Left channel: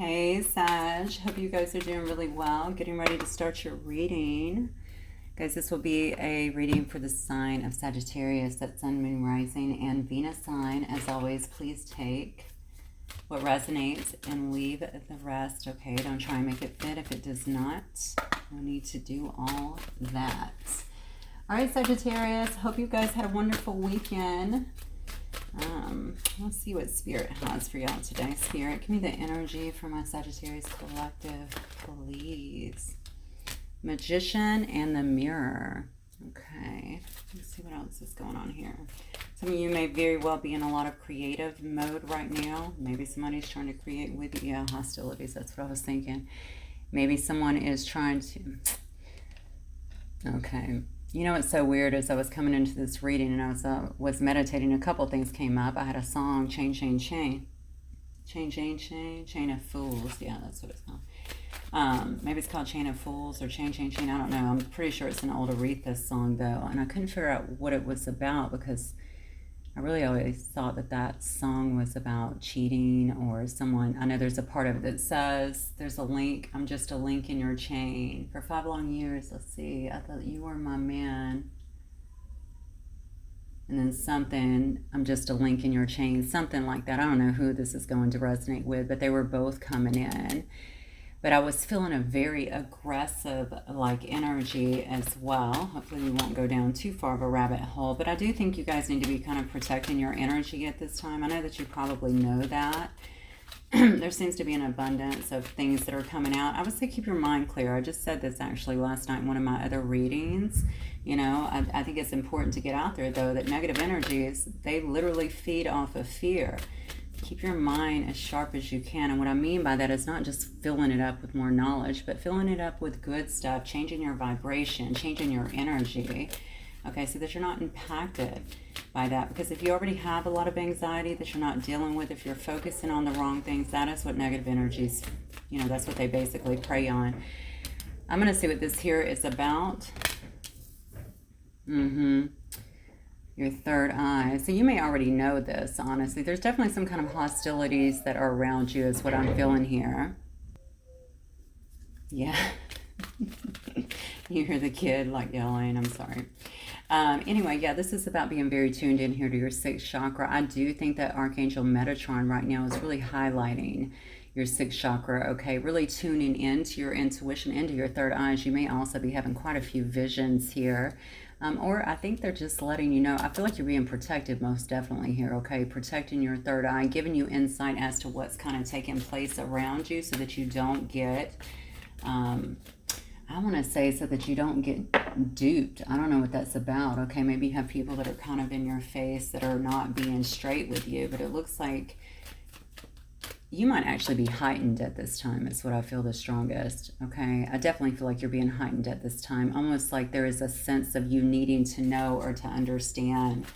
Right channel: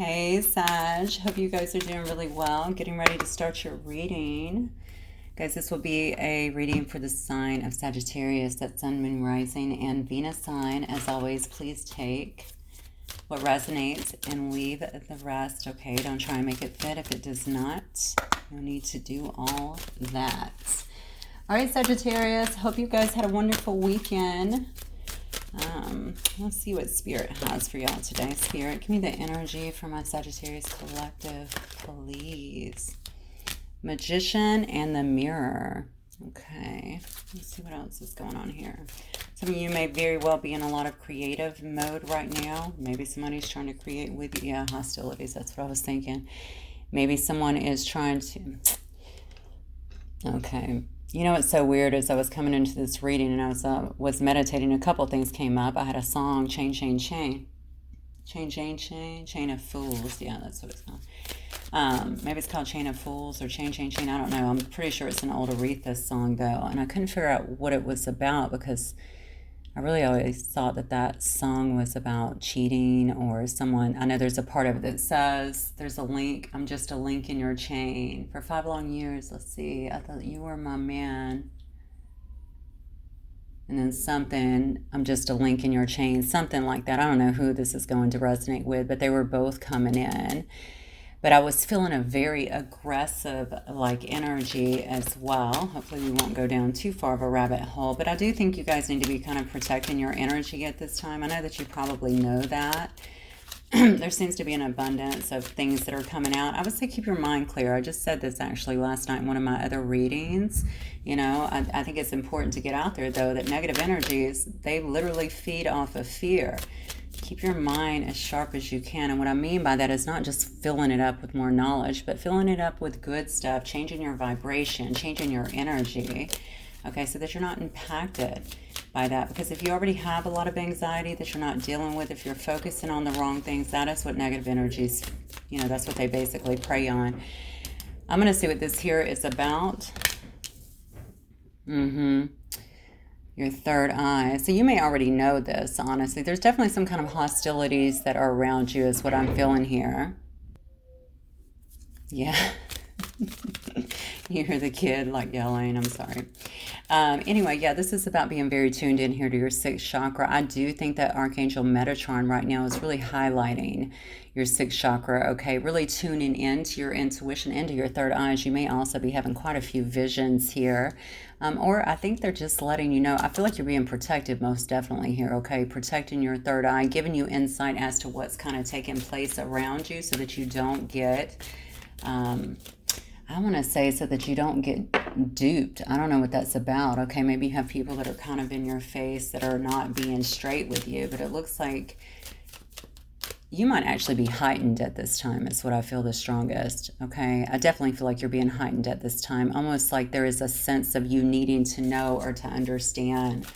Hey Sag, hope you guys are doing really well. Getting ready to start your reading. Guys, this will be a reading for the sign of Sagittarius, that's Sun, Moon, Rising, and Venus sign. As always, please take what resonates and leave the rest, okay? Don't try and make it fit if it does not. No need to do all that. All right, Sagittarius, hope you guys had a wonderful weekend. Let's see what Spirit has for y'all today. Spirit, give me the energy for my Sagittarius collective, please. Magician and the Mirror. Okay, let's see what else is going on here. Some of you may very well be in a lot of creative mode right now. Maybe somebody's trying to create with you. Yeah, hostilities, that's what I was thinking. Maybe someone is trying to... Okay. You know what's so weird is I was coming into this reading and I was meditating. A couple things came up. I had a song, Chain, Chain, Chain. Chain, Chain, Chain. Chain of Fools. Yeah, that's what it's called. Maybe it's called Chain of Fools or Chain, Chain, Chain. I don't know. I'm pretty sure it's an old Aretha song, though. And I couldn't figure out what it was about because I really always thought that that song was about cheating or someone. I know there's a part of it that says, there's a link, I'm just a link in your chain. For 5 long years, let's see, I thought you were my man. And then something, I'm just a link in your chain, something like that. I don't know who this is going to resonate with, but they were both coming in. But I was feeling a very aggressive energy as well. Hopefully we won't go down too far of a rabbit hole. But I do think you guys need to be kind of protecting your energy at this time. I know that you probably know that. There seems to be an abundance of things that are coming out. I would say keep your mind clear. I just said this actually last night in one of my other readings. You know, I think it's important to get out there, though, that negative energies, they literally feed off of fear. Keep your mind as sharp as you can. And what I mean by that is not just filling it up with more knowledge, but filling it up with good stuff, changing your vibration, changing your energy, okay, so that you're not impacted by that. Because if you already have a lot of anxiety that you're not dealing with, if you're focusing on the wrong things, that is what negative energies, you know, that's what they basically prey on. I'm going to see what this here is about. Your third eye. So you may already know this, honestly. There's definitely some kind of hostilities that are around you is what I'm feeling here. Yeah. You hear the kid like yelling. I'm sorry. Anyway, yeah, this is about being very tuned in here to your 6th chakra. I do think that Archangel Metatron right now is really highlighting your 6th chakra, okay? Really tuning into your intuition, into your third eyes. You may also be having quite a few visions here. Or I think they're just letting you know. I feel like you're being protected most definitely here, okay? Protecting your third eye, giving you insight as to what's kind of taking place around you so that you don't get, I want to say so that you don't get duped. I don't know what that's about, okay? Maybe you have people that are kind of in your face that are not being straight with you, but it looks like you might actually be heightened at this time is what I feel the strongest, okay? I definitely feel like you're being heightened at this time, almost like there is a sense of you needing to know or to understand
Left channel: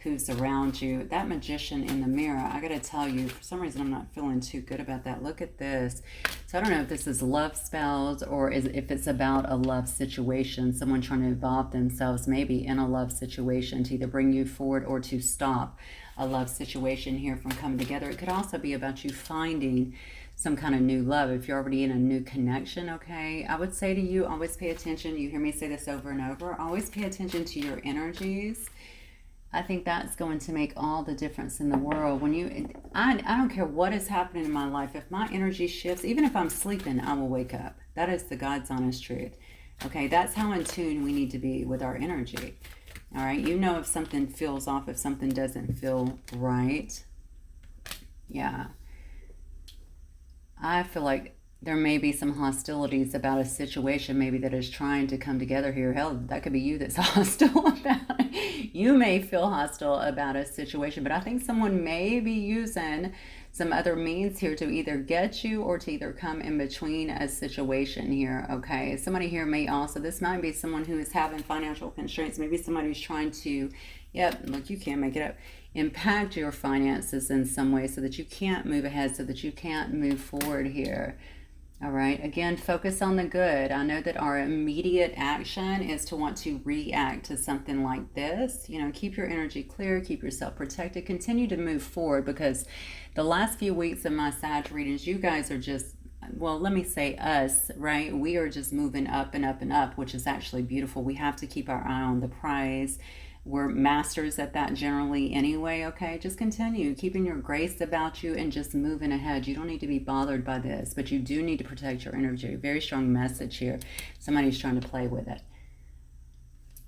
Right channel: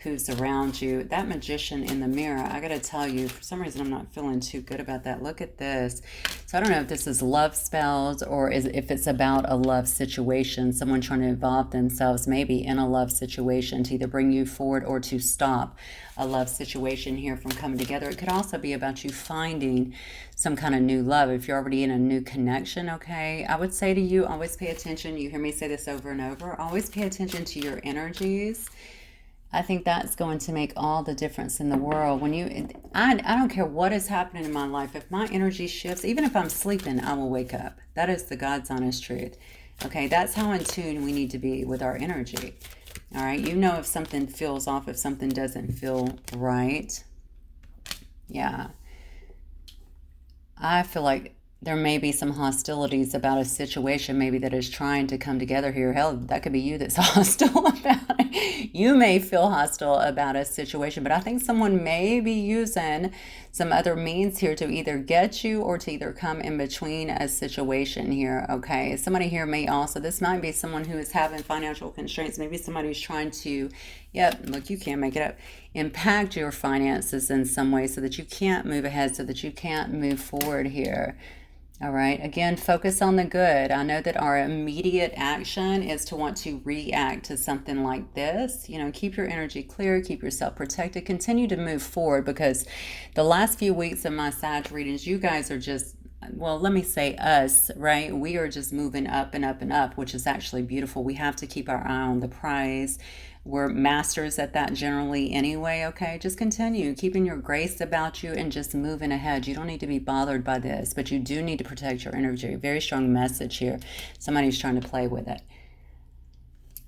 who's around you. That Magician in the Mirror, I gotta tell you, for some reason I'm not feeling too good about that. Look at this. So I don't know if this is love spells or if it's about a love situation, someone trying to involve themselves maybe in a love situation to either bring you forward or to stop a love situation here from coming together. It could also be about you finding some kind of new love if you're already in a new connection, okay? I would say to you, always pay attention. You hear me say this over and over. Always pay attention to your energies. I think that's going to make all the difference in the world. When I don't care what is happening in my life. If my energy shifts, even if I'm sleeping, I will wake up. That is the God's honest truth. Okay, that's how in tune we need to be with our energy. All right, you know if something feels off, if something doesn't feel right. Yeah. I feel like there may be some hostilities about a situation maybe that is trying to come together here. Hell, that could be you that's hostile about it. You may feel hostile about a situation, but I think someone may be using some other means here to either get you or to either come in between a situation here, okay? Somebody here may also, this might be someone who is having financial constraints. Maybe somebody who's trying to, yep, look, you can't make it up, impact your finances in some way so that you can't move ahead, so that you can't move forward here. All right. Again, focus on the good. I know that our immediate action is to want to react to something like this. You know, keep your energy clear, keep yourself protected, continue to move forward, because the last few weeks of my Sag readings, you guys are just, well, let me say us, right? We are just moving up and up and up, which is actually beautiful. We have to keep our eye on the prize. We're masters at that generally anyway, okay? Just continue keeping your grace about you and just moving ahead. You don't need to be bothered by this, but you do need to protect your energy. Very strong message here. Somebody's trying to play with it.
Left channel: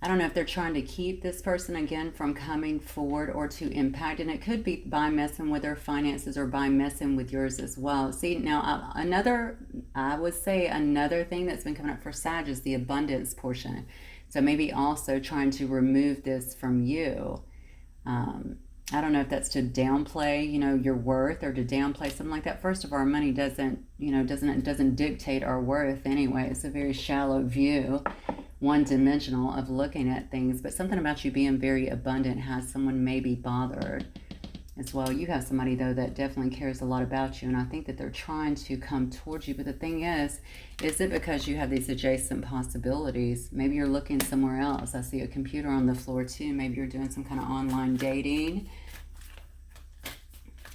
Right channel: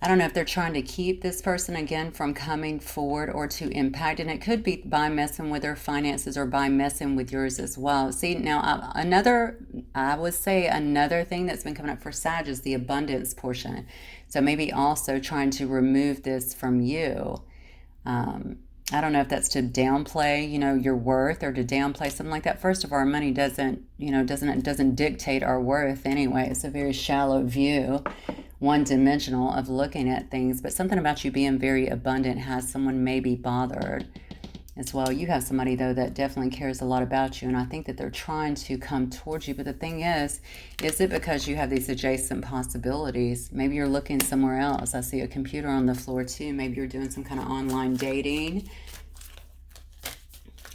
I don't know if they're trying to keep this person again from coming forward or to impact, and it could be by messing with their finances or by messing with yours as well. See, now I would say another thing that's been coming up for Sag is the abundance portion. So maybe also trying to remove this from you. I don't know if that's to downplay, you know, your worth, or to downplay something like that. First of all, our money doesn't, you know, doesn't dictate our worth anyway. It's a very shallow view, one-dimensional of looking at things. But something about you being very abundant has someone maybe bothered as well. You have somebody, though, that definitely cares a lot about you, and I think that they're trying to come towards you. But the thing is it because you have these adjacent possibilities? Maybe you're looking somewhere else. I see a computer on the floor too. Maybe you're doing some kind of online dating,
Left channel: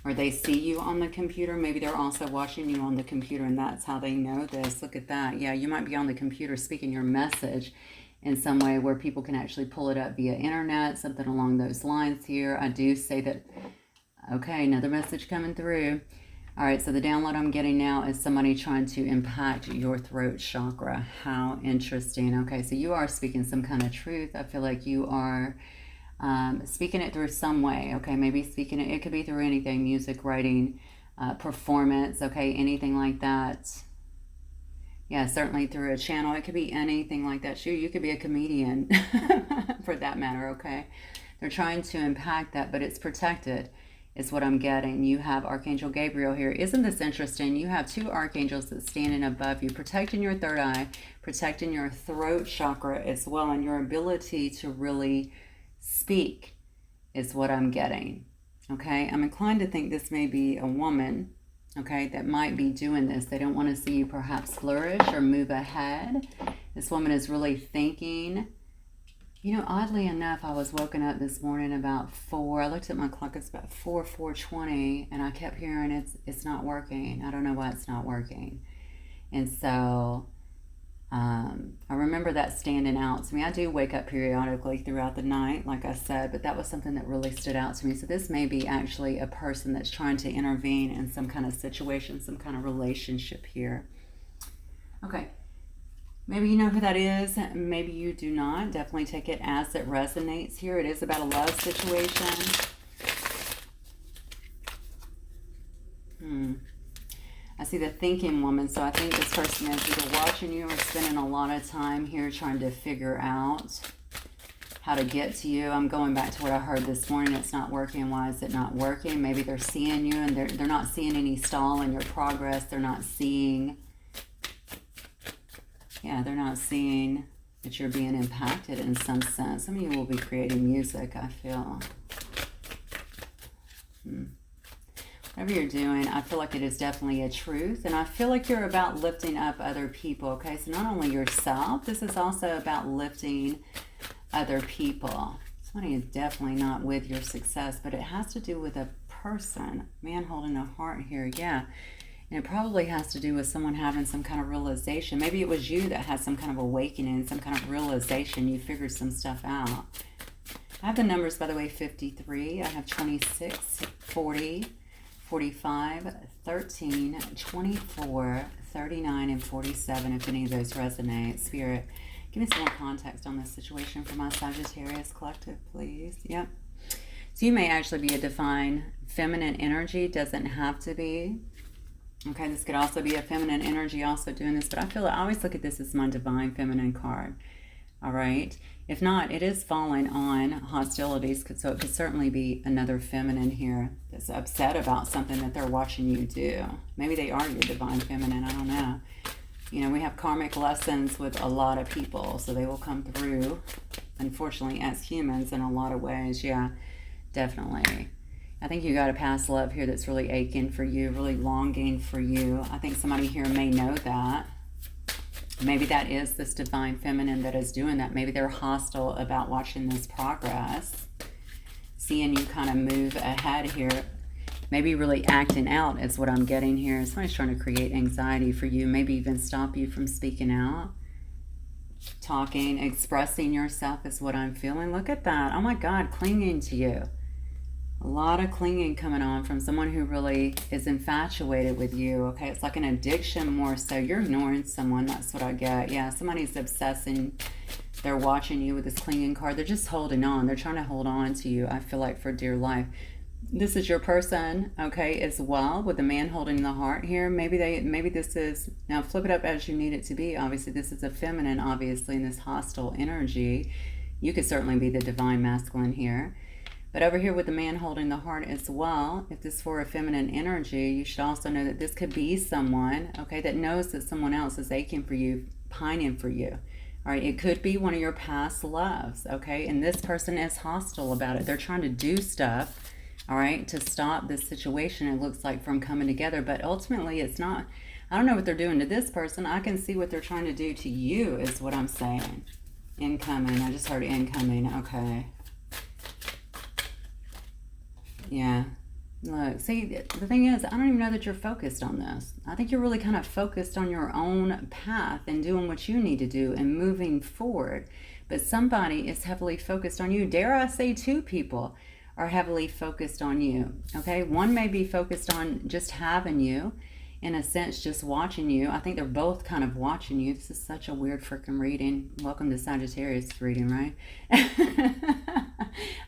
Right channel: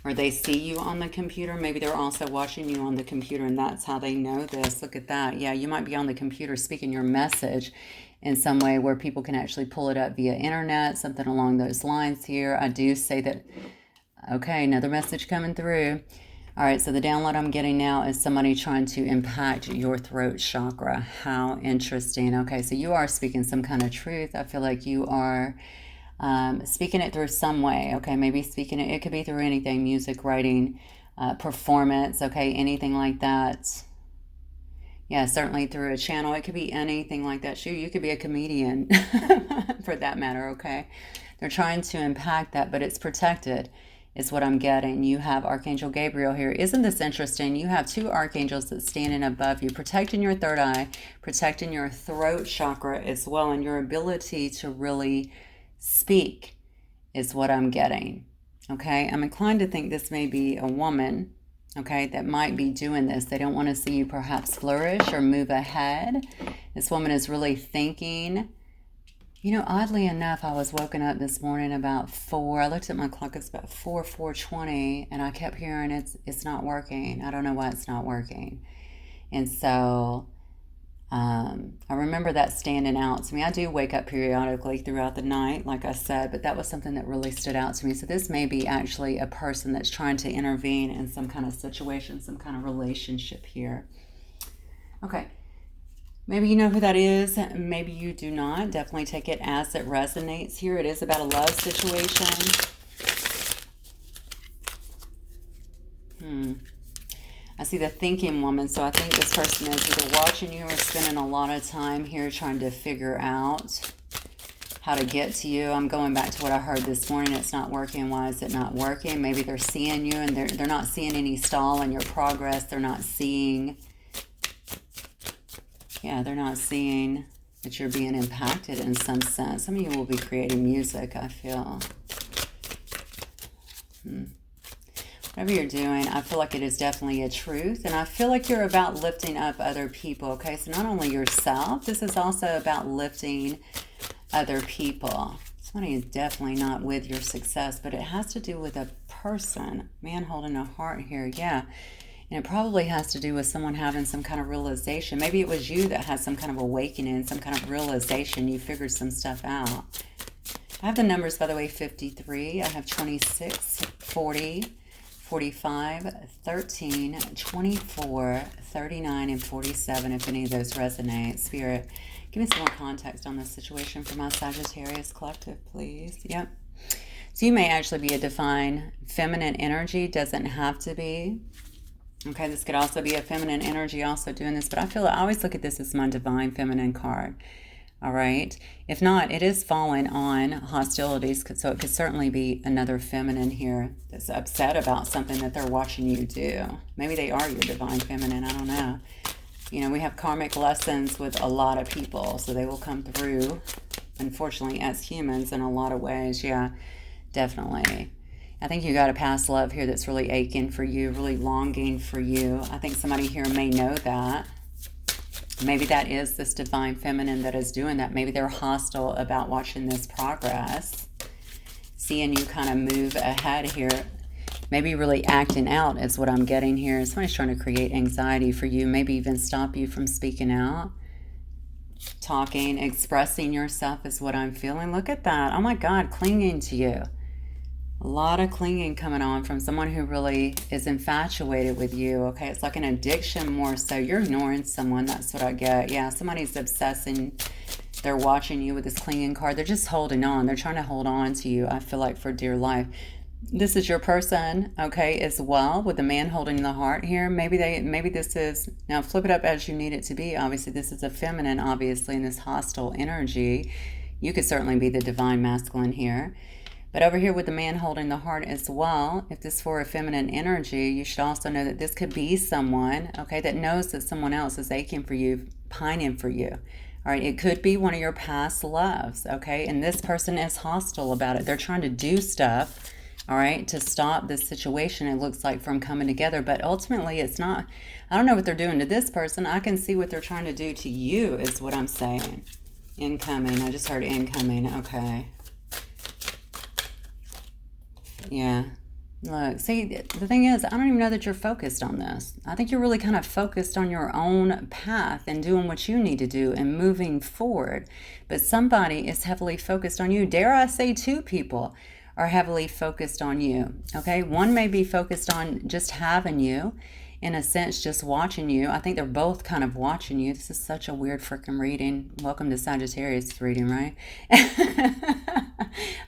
or they see you on the computer. Maybe they're also watching you on the computer, and that's how they know this. Look at that. Yeah, you might be on the computer speaking your message in some way where people can actually pull it up via internet, something along those lines here. I do say that. Okay, another message coming through. All right, so the download I'm getting now is somebody trying to impact your throat chakra. How interesting. Okay, so you are speaking some kind of truth. I feel like you are speaking it through some way. Okay, maybe speaking it could be through anything, music, writing, performance, okay, anything like that. Yeah, certainly through a channel. It could be anything like that. Shoot, you could be a comedian for that matter, okay? They're trying to impact that, but it's protected is what I'm getting. You have Archangel Gabriel here. Isn't this interesting? You have two archangels that's standing above you, protecting your third eye, protecting your throat chakra as well, and your ability to really speak is what I'm getting. Okay, I'm inclined to think this may be a woman, okay, that might be doing this. They don't want to see you perhaps flourish or move ahead. This woman is really thinking. You know, oddly enough, I was woken up this morning about 4. I looked at my clock, it's about 4:20, and I kept hearing it's not working. I don't know why it's not working. And so I remember that standing out to me. I do wake up periodically throughout the night, like I said, but that was something that really stood out to me. So this may be actually a person that's trying to intervene in some kind of situation, some kind of relationship here. Okay. Maybe you know who that is. Maybe you do not. Definitely take it as it resonates here. It is about a love situation. I see the thinking woman. So I think this person is either watching you or spending a lot of time here trying to figure out how to get to you. I'm going back to what I heard this morning. It's not working. Why is it not working? Maybe they're seeing you and they're not seeing any stall in your progress. They're not seeing... Yeah, they're not seeing that you're being impacted in some sense. Some of you will be creating music, I feel. Whatever you're doing, I feel like it is definitely a truth. And I feel like you're about lifting up other people, okay? So not only yourself, this is also about lifting other people. Somebody is definitely not with your success, but it has to do with a person. Man holding a heart here, yeah. And it probably has to do with someone having some kind of realization. Maybe it was you that had some kind of awakening, some kind of realization. You figured some stuff out. I have the numbers, by the way, 53. I have 26, 40, 45, 13, 24, 39, and 47, if any of those resonate. Spirit, give me some more context on this situation for my Sagittarius collective, please. Yep. So you may actually be a divine feminine energy. Doesn't have to be. Okay, this could also be a feminine energy also doing this, but I always look at this as my divine feminine card. All right. If not, it is falling on hostilities, so it could certainly be another feminine here that's upset about something that they're watching you do. Maybe they are your divine feminine. I don't know. You know, we have karmic lessons with a lot of people, so they will come through, unfortunately, as humans in a lot of ways. Yeah, definitely. I think you got a past love here that's really aching for you, really longing for you. I think somebody here may know that. Maybe that is this divine feminine that is doing that. Maybe they're hostile about watching this progress, seeing you kind of move ahead here. Maybe really acting out is what I'm getting here. Somebody's trying to create anxiety for you, maybe even stop you from speaking out, talking, expressing yourself is what I'm feeling. Look at that. Oh my God, clinging to you. A lot of clinging coming on from someone who really is infatuated with you, okay? It's like an addiction more so. You're ignoring someone, that's what I get. Yeah, somebody's obsessing. They're watching you with this clinging card. They're just holding on. They're trying to hold on to you, I feel like, for dear life. This is your person, okay, as well, with the man holding the heart here. Maybe this is, now flip it up as you need it to be. Obviously, this is a feminine, obviously, in this hostile energy. You could certainly be the divine masculine here. But over here with the man holding the heart as well, if this were a feminine energy, you should also know that this could be someone, okay, that knows that someone else is aching for you, pining for you. All right, it could be one of your past loves, okay? And this person is hostile about it. They're trying to do stuff, all right, to stop this situation, it looks like, from coming together. But ultimately, it's not, I don't know what they're doing to this person. I can see what they're trying to do to you is what I'm saying. Incoming, I just heard incoming, okay. Yeah. Look, see, the thing is, I don't even know that you're focused on this. I think you're really kind of focused on your own path and doing what you need to do and moving forward. But somebody is heavily focused on you. Dare I say two people are heavily focused on you, okay? One may be focused on just having you, in a sense, just watching you. I think they're both kind of watching you. This is such a weird freaking reading. Welcome to Sagittarius reading, right?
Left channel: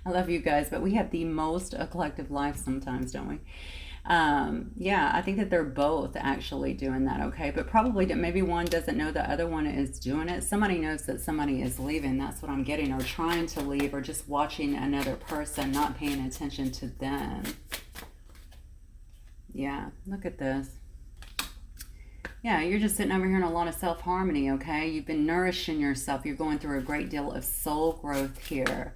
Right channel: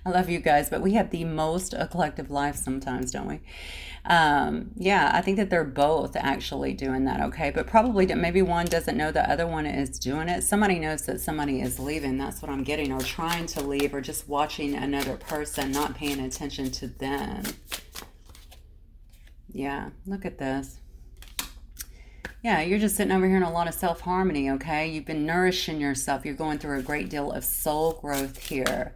I love you guys, but we have the most collective life sometimes, don't we? Yeah, I think that they're both actually doing that, okay? But probably that maybe one doesn't know the other one is doing it. Somebody knows that somebody is leaving. That's what I'm getting, or trying to leave, or just watching another person, not paying attention to them. Yeah, look at this. Yeah, you're just sitting over here in a lot of self-harmony, okay? You've been nourishing yourself. You're going through a great deal of soul growth here.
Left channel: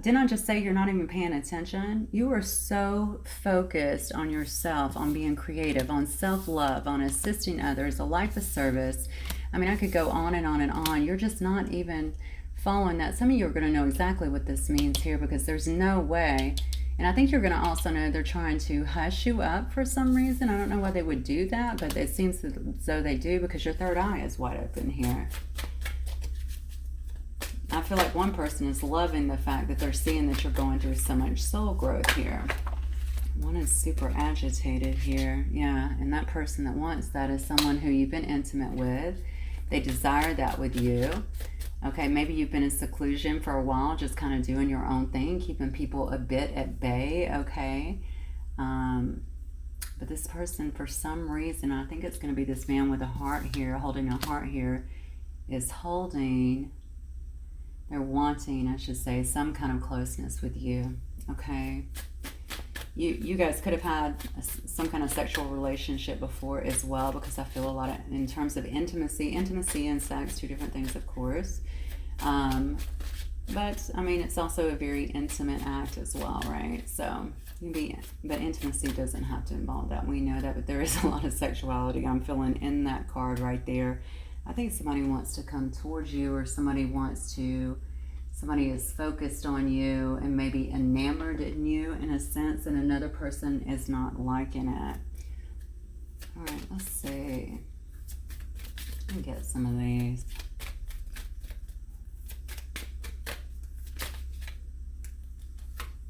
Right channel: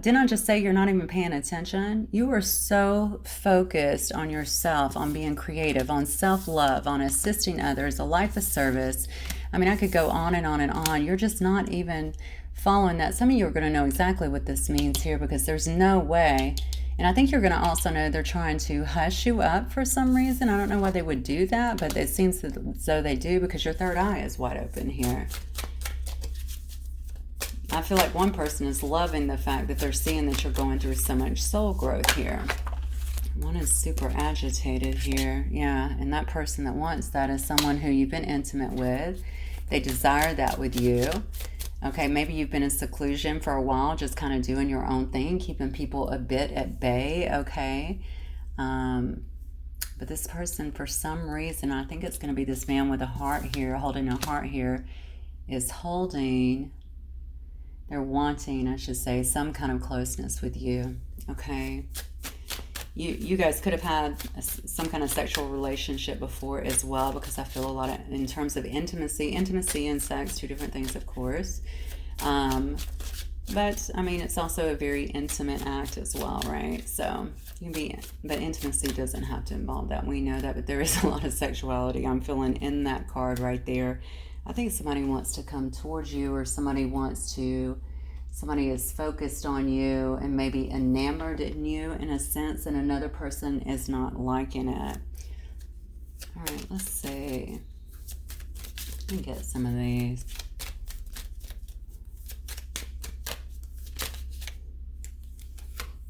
Didn't I just say you're not even paying attention? You are so focused on yourself, on being creative, on self-love, on assisting others, a life of service. I mean, I could go on and on and on. You're just not even following that. Some of you are going to know exactly what this means here, because there's no way. And I think you're going to also know they're trying to hush you up for some reason. I don't know why they would do that, but it seems as though they do, because your third eye is wide open here. I feel like one person is loving the fact that they're seeing that you're going through so much soul growth here. One is super agitated here. Yeah, and that person that wants that is someone who you've been intimate with. They desire that with you. Okay, maybe you've been in seclusion for a while, just kind of doing your own thing, keeping people a bit at bay, okay? But this person, for some reason, I think it's going to be this man with a heart here, holding a heart here, is holding, they're wanting, I should say, some kind of closeness with you, okay? You guys could have had some kind of sexual relationship before as well, because I feel a lot of, in terms of intimacy and sex, two different things, of course. But I mean, it's also a very intimate act as well, right? So you can be, but intimacy doesn't have to involve that. We know that, but there is a lot of sexuality I'm feeling in that card right there. I think somebody wants to come towards you, or somebody is focused on you and maybe enamored in you in a sense, and another person is not liking it. All right, let's see. Let me get some of these.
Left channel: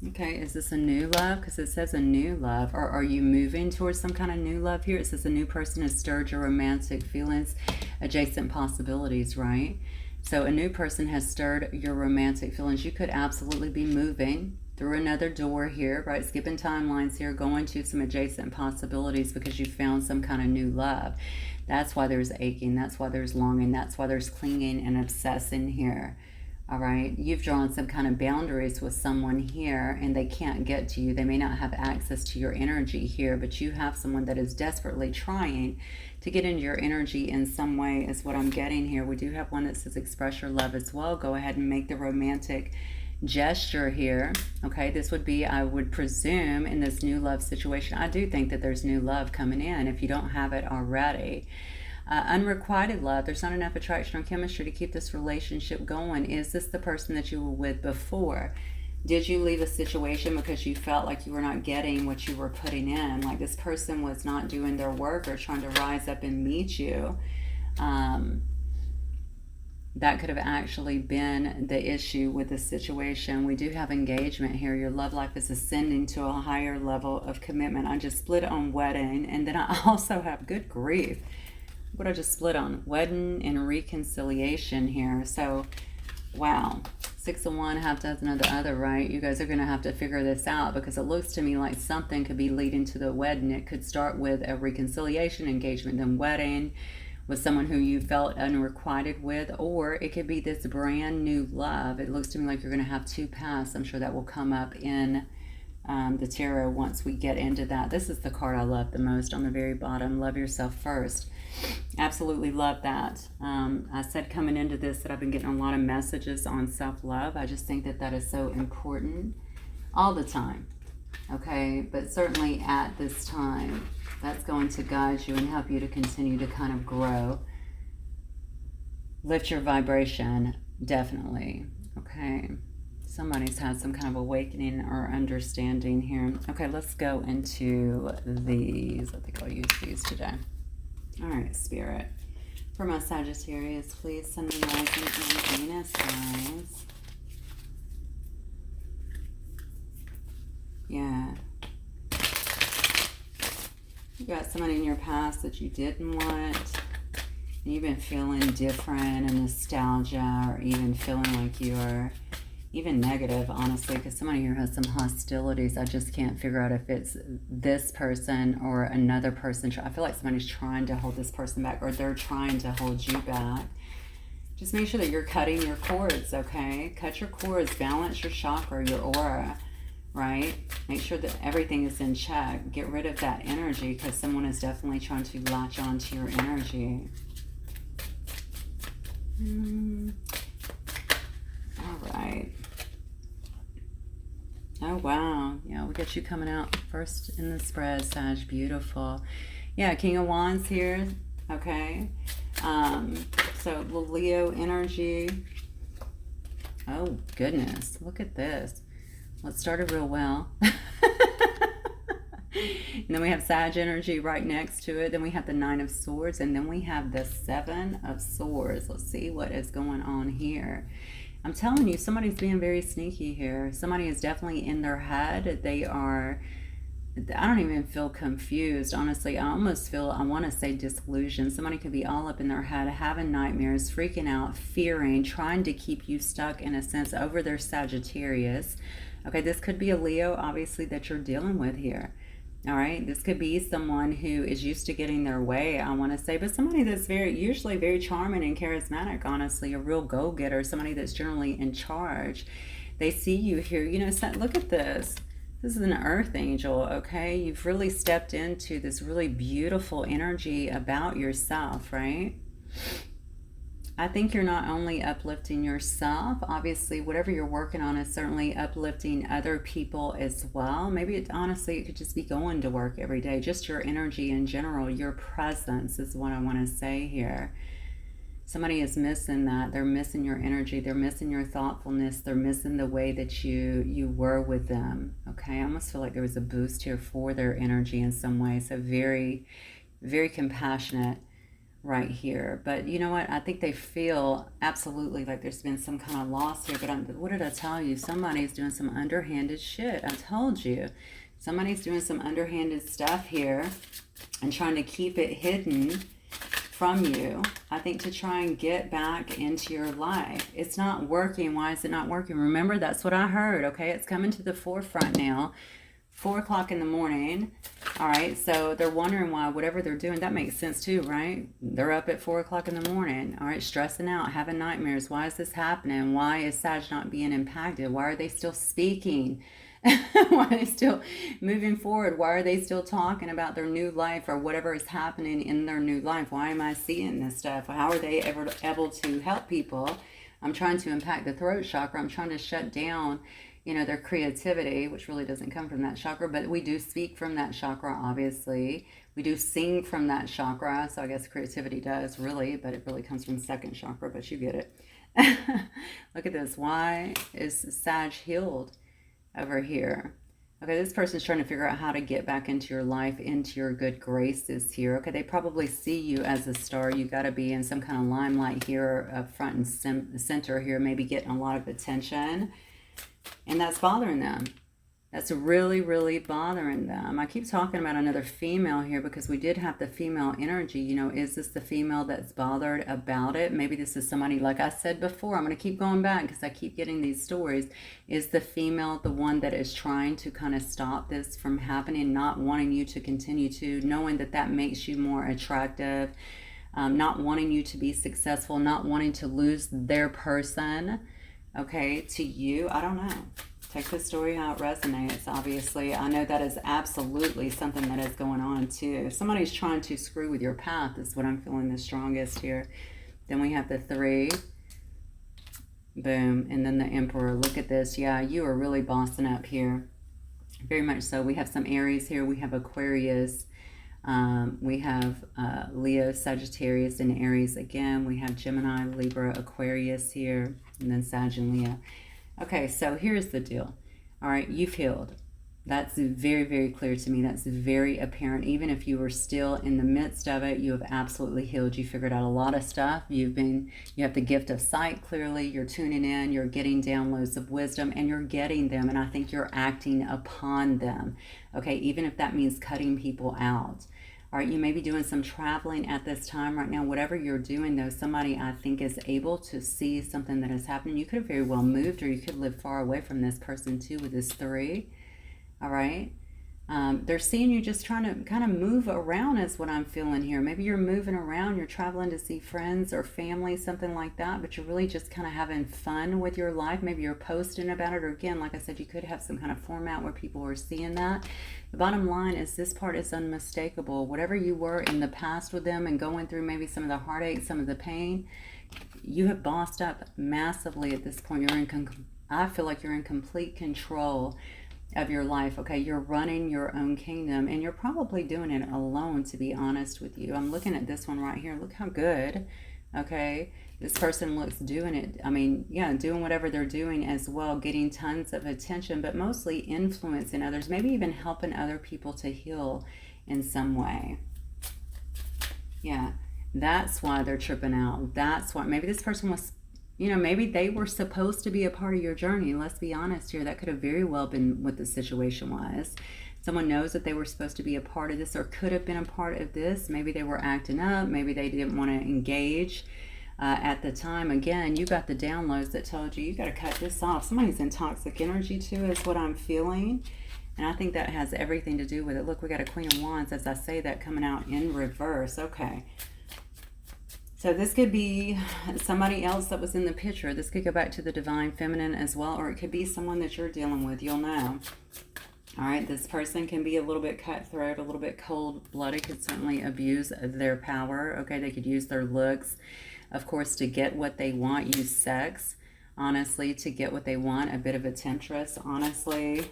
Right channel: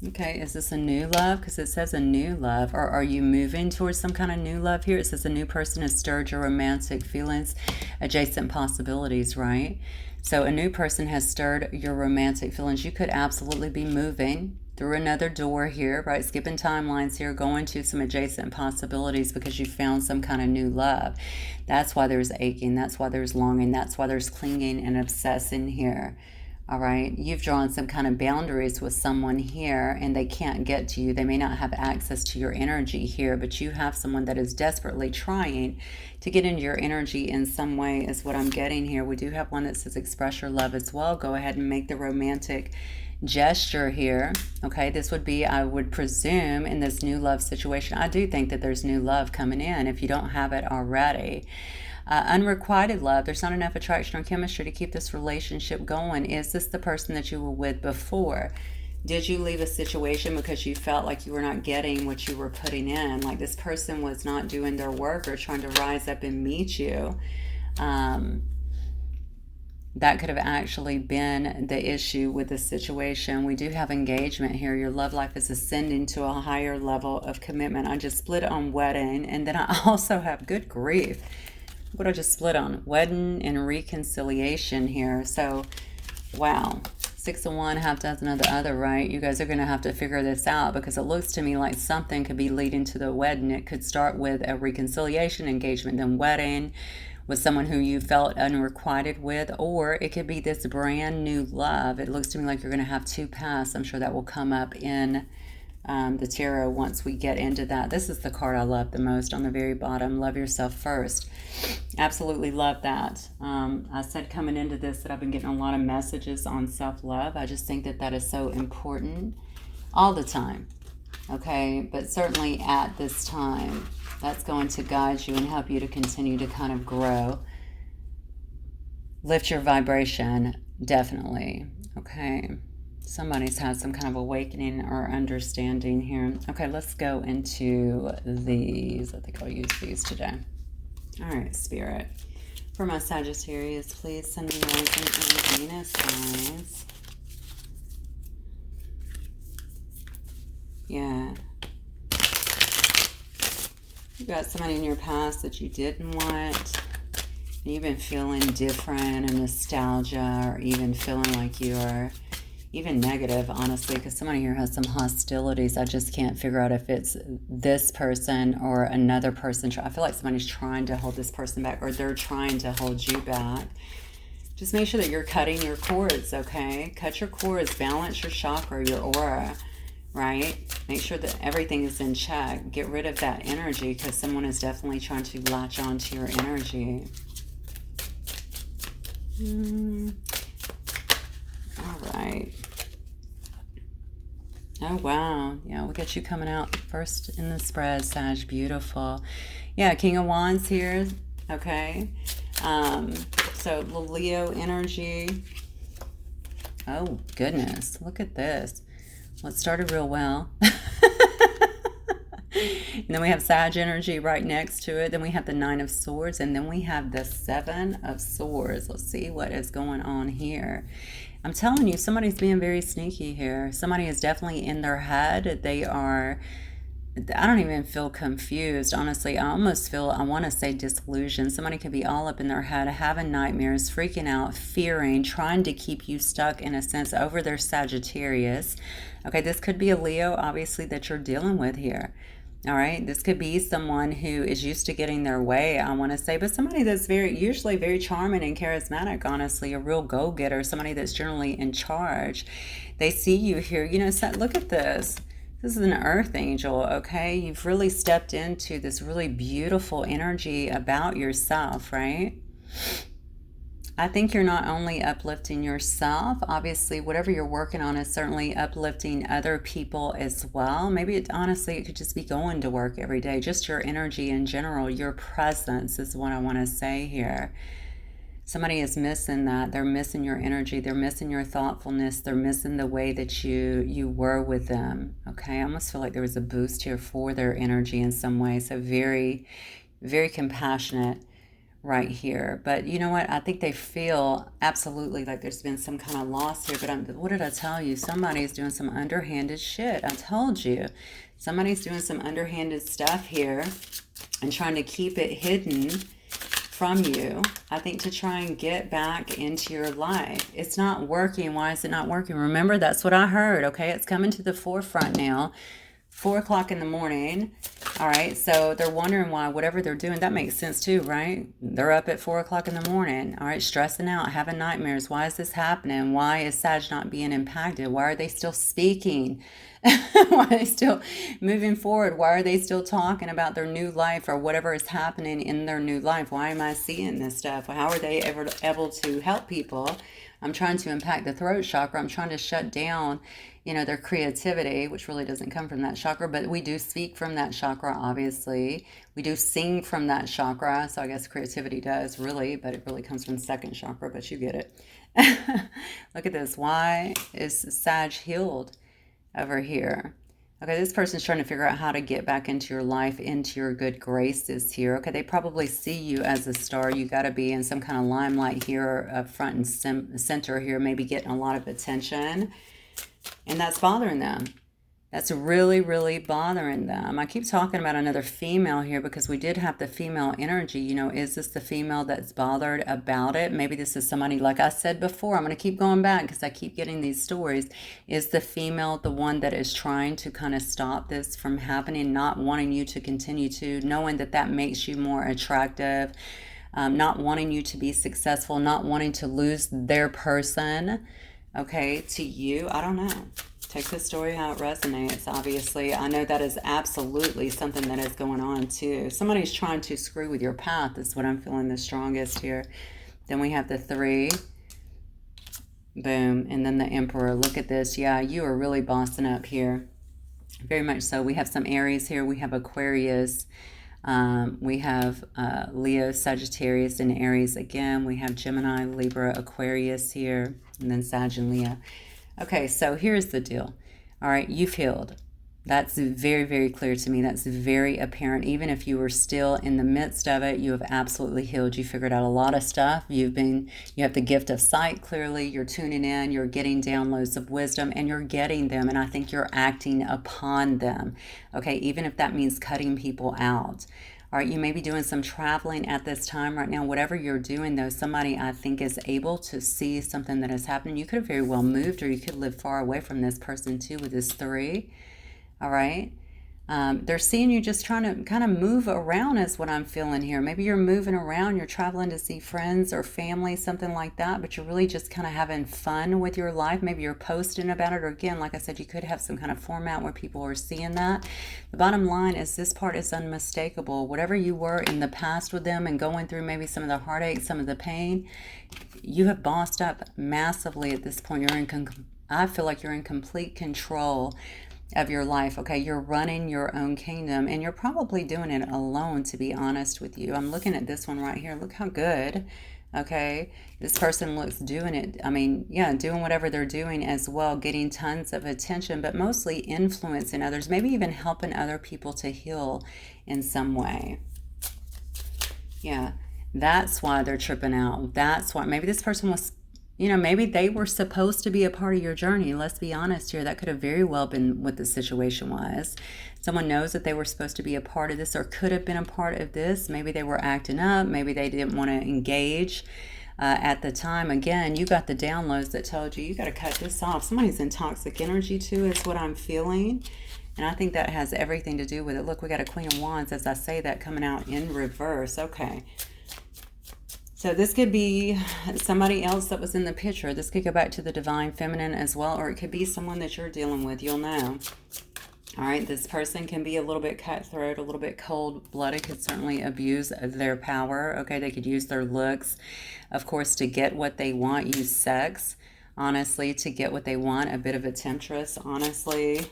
Okay, is this a new love? Because it says a new love. Or are you moving towards some kind of new love here? It says a new person has stirred your romantic feelings, adjacent possibilities, right? So a new person has stirred your romantic feelings. You could absolutely be moving through another door here, right? Skipping timelines here, going to some adjacent possibilities because you found some kind of new love. That's why there's aching. That's why there's longing. That's why there's clinging and obsessing here. All right, you've drawn some kind of boundaries with someone here, and they can't get to you. They may not have access to your energy here, but you have someone that is desperately trying to get into your energy in some way, is what I'm getting here. We do have one that says express your love as well. Go ahead and make the romantic gesture here. Okay, this would be, I would presume, in this new love situation. I do think that there's new love coming in if you don't have it already. Unrequited love, there's not enough attraction or chemistry to keep this relationship going. Is this the person that you were with before? Did you leave a situation because you felt like you were not getting what you were putting in? Like this person was not doing their work or trying to rise up and meet you. That could have actually been the issue with the situation. We do have engagement here. Your love life is ascending to a higher level of commitment. I just split on wedding, and then I also have, good grief, what I just split on, wedding and reconciliation here. So, wow. 6 of one, half dozen of the other, right? You guys are going to have to figure this out, because it looks to me like something could be leading to the wedding. It could start with a reconciliation, engagement, then wedding with someone who you felt unrequited with, or it could be this brand new love. It looks to me like you're going to have 2 paths. I'm sure that will come up in the tarot once we get into that. This is the card I love the most on the very bottom. Love yourself first. Absolutely love that. I said coming into this that I've been getting a lot of messages on self-love. I just think that that is so important all the time. Okay, but certainly at this time, that's going to guide you and help you to continue to kind of grow. Lift your vibration, definitely. Okay, somebody's had some kind of awakening or understanding here. Okay, let's go into these. I think I'll use these today. All right, Spirit. For my Sagittarius, please send me rising and Venus signs. Yeah. You got somebody in your past that you didn't want. You've been feeling different and nostalgia, or even feeling like you are even negative, honestly, because somebody here has some hostilities. I just can't figure out if it's this person or another person. I feel like somebody's trying to hold this person back, or they're trying to hold you back. Just make sure that you're cutting your cords, okay? Cut your cords, balance your chakra, your aura. Right? Make sure that everything is in check. Get rid of that energy, because someone is definitely trying to latch on to your energy. All right. Oh, wow. Yeah, we'll get you coming out first in the spread, Sag. Beautiful. Yeah, King of Wands here. Okay. So, little Leo energy. Oh, goodness. Look at this. Well, it started real well. And then we have Sag energy right next to it. Then we have the 9 of Swords. And then we have the 7 of Swords. Let's see what is going on here. I'm telling you, somebody's being very sneaky here. Somebody is definitely in their head. They are, I don't even feel confused. Honestly, I almost feel, I want to say disillusioned. Somebody could be all up in their head, having nightmares, freaking out, fearing, trying to keep you stuck, in a sense, over their Sagittarius. Okay, this could be a Leo, obviously, that you're dealing with here. All right, this could be someone who is used to getting their way, I want to say, but somebody that's usually very charming and charismatic, honestly, a real go-getter, somebody that's generally in charge. They see you here. You know, look at this. This is an earth angel, okay? You've really stepped into this really beautiful energy about yourself, right? I think you're not only uplifting yourself, obviously, whatever you're working on is certainly uplifting other people as well. Maybe honestly, it could just be going to work every day. Just your energy in general, your presence is what I want to say here. Somebody is missing that. They're missing your energy. They're missing your thoughtfulness. They're missing the way that you were with them. Okay, I almost feel like there was a boost here for their energy in some way. So very, very compassionate right here. But you know what? I think they feel absolutely like there's been some kind of loss here. But what did I tell you? Somebody's doing some underhanded shit. I told you. Somebody's doing some underhanded stuff here and trying to keep it hidden from you, I think, to try and get back into your life. It's not working. Why is it not working? Remember, that's what I heard, okay? It's coming to the forefront now. 4 o'clock in the morning. All right, so they're wondering why whatever they're doing, that makes sense too, right? They're up at 4 o'clock in the morning, all right, stressing out, having nightmares. Why is this happening? Why is Sag not being impacted? Why are they still speaking? Why are they still moving forward? Why are they still talking about their new life or whatever is happening in their new life? Why am I seeing this stuff? How are they ever able to help people I'm trying to impact the throat chakra. I'm trying to shut down, you know, their creativity, which really doesn't come from that chakra, but we do speak from that chakra, obviously. We do sing from that chakra, so I guess creativity does really, but it really comes from the second chakra, but you get it. Look at this. Why is Sag healed over here? Okay, this person's trying to figure out how to get back into your life, into your good graces here. Okay, they probably see you as a star. You got to be in some kind of limelight here, up front and center here, maybe getting a lot of attention. And that's bothering them. That's really, really bothering them. I keep talking about another female here because we did have the female energy. You know, is this the female that's bothered about it? Maybe this is somebody, like I said before, I'm going to keep going back because I keep getting these stories. Is the female the one that is trying to kind of stop this from happening, not wanting you to continue to, knowing that that makes you more attractive, not wanting you to be successful, not wanting to lose their person, okay, to you? I don't know. Take the story how it resonates, obviously. I know that is absolutely something that is going on, too. Somebody's trying to screw with your path is what I'm feeling the strongest here. Then we have the 3. Boom. And then the Emperor. Look at this. Yeah, you are really bossing up here. Very much so. We have some Aries here. We have Aquarius. We have Leo, Sagittarius, and Aries again. We have Gemini, Libra, Aquarius here. And then Sag and Leo. Okay, so here's the deal. All right, you've healed. That's very, very clear to me. That's very apparent. Even if you were still in the midst of it, you have absolutely healed. You figured out a lot of stuff. You have the gift of sight, clearly. You're tuning in. You're getting downloads of wisdom, and you're getting them. And I think you're acting upon them. Okay, even if that means cutting people out. All right, you may be doing some traveling at this time right now. Whatever you're doing, though, somebody I think is able to see something that is happening. You could have very well moved, or you could live far away from this person too with this 3. All right. They're seeing you just trying to kind of move around is what I'm feeling here. Maybe you're moving around, you're traveling to see friends or family, something like that, but you're really just kind of having fun with your life. Maybe you're posting about it, or again, like I said, you could have some kind of format where people are seeing that. The bottom line is this part is unmistakable. Whatever you were in the past with them and going through maybe some of the heartache, some of the pain, you have bossed up massively at this point. I feel like you're in complete control of your life. Okay, you're running your own kingdom, and you're probably doing it alone, to be honest with you. I'm looking at this one right here. Look how good. Okay, this person looks doing it. I mean, yeah, doing whatever they're doing as well, getting tons of attention, but mostly influencing others, maybe even helping other people to heal in some way. Yeah, that's why they're tripping out. That's why maybe this person was, you know, maybe they were supposed to be a part of your journey. Let's be honest here. That could have very well been what the situation was. Someone knows that they were supposed to be a part of this, or could have been a part of this. Maybe they were acting up. Maybe they didn't want to engage at the time. Again, you got the downloads that told you got to cut this off. Somebody's in toxic energy too is what I'm feeling. And I think that has everything to do with it. Look, we got a Queen of Wands, as I say that, coming out in reverse. Okay. So this could be somebody else that was in the picture. This could go back to the divine feminine as well, or it could be someone that you're dealing with. You'll know. All right, this person can be a little bit cutthroat, a little bit cold-blooded, could certainly abuse their power. Okay, they could use their looks, of course, to get what they want. Use sex, honestly, to get what they want. A bit of a temptress, honestly.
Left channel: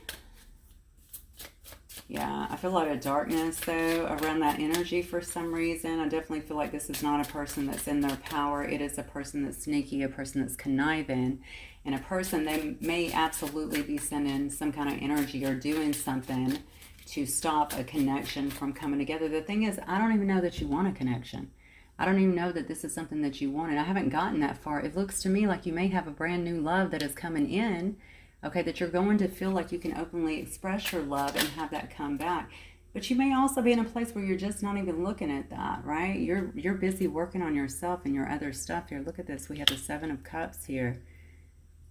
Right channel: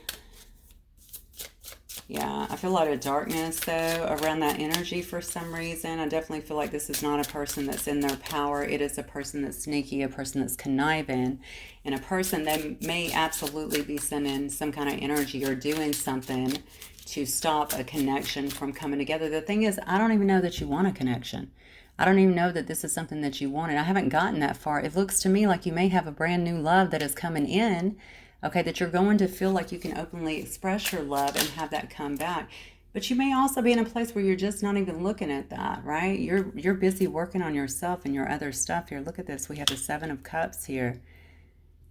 Yeah, I feel a lot of darkness, though, around that energy for some reason. I definitely feel like this is not a person that's in their power. It is a person that's sneaky, a person that's conniving, and a person that may absolutely be sending some kind of energy or doing something to stop a connection from coming together. The thing is, I don't even know that you want a connection. I don't even know that this is something that you wanted. I haven't gotten that far. It looks to me like you may have a brand new love that is coming in. Okay, that you're going to feel like you can openly express your love and have that come back. But you may also be in a place where you're just not even looking at that, right? You're busy working on yourself and your other stuff here. Look at this. We have the 7 of Cups here.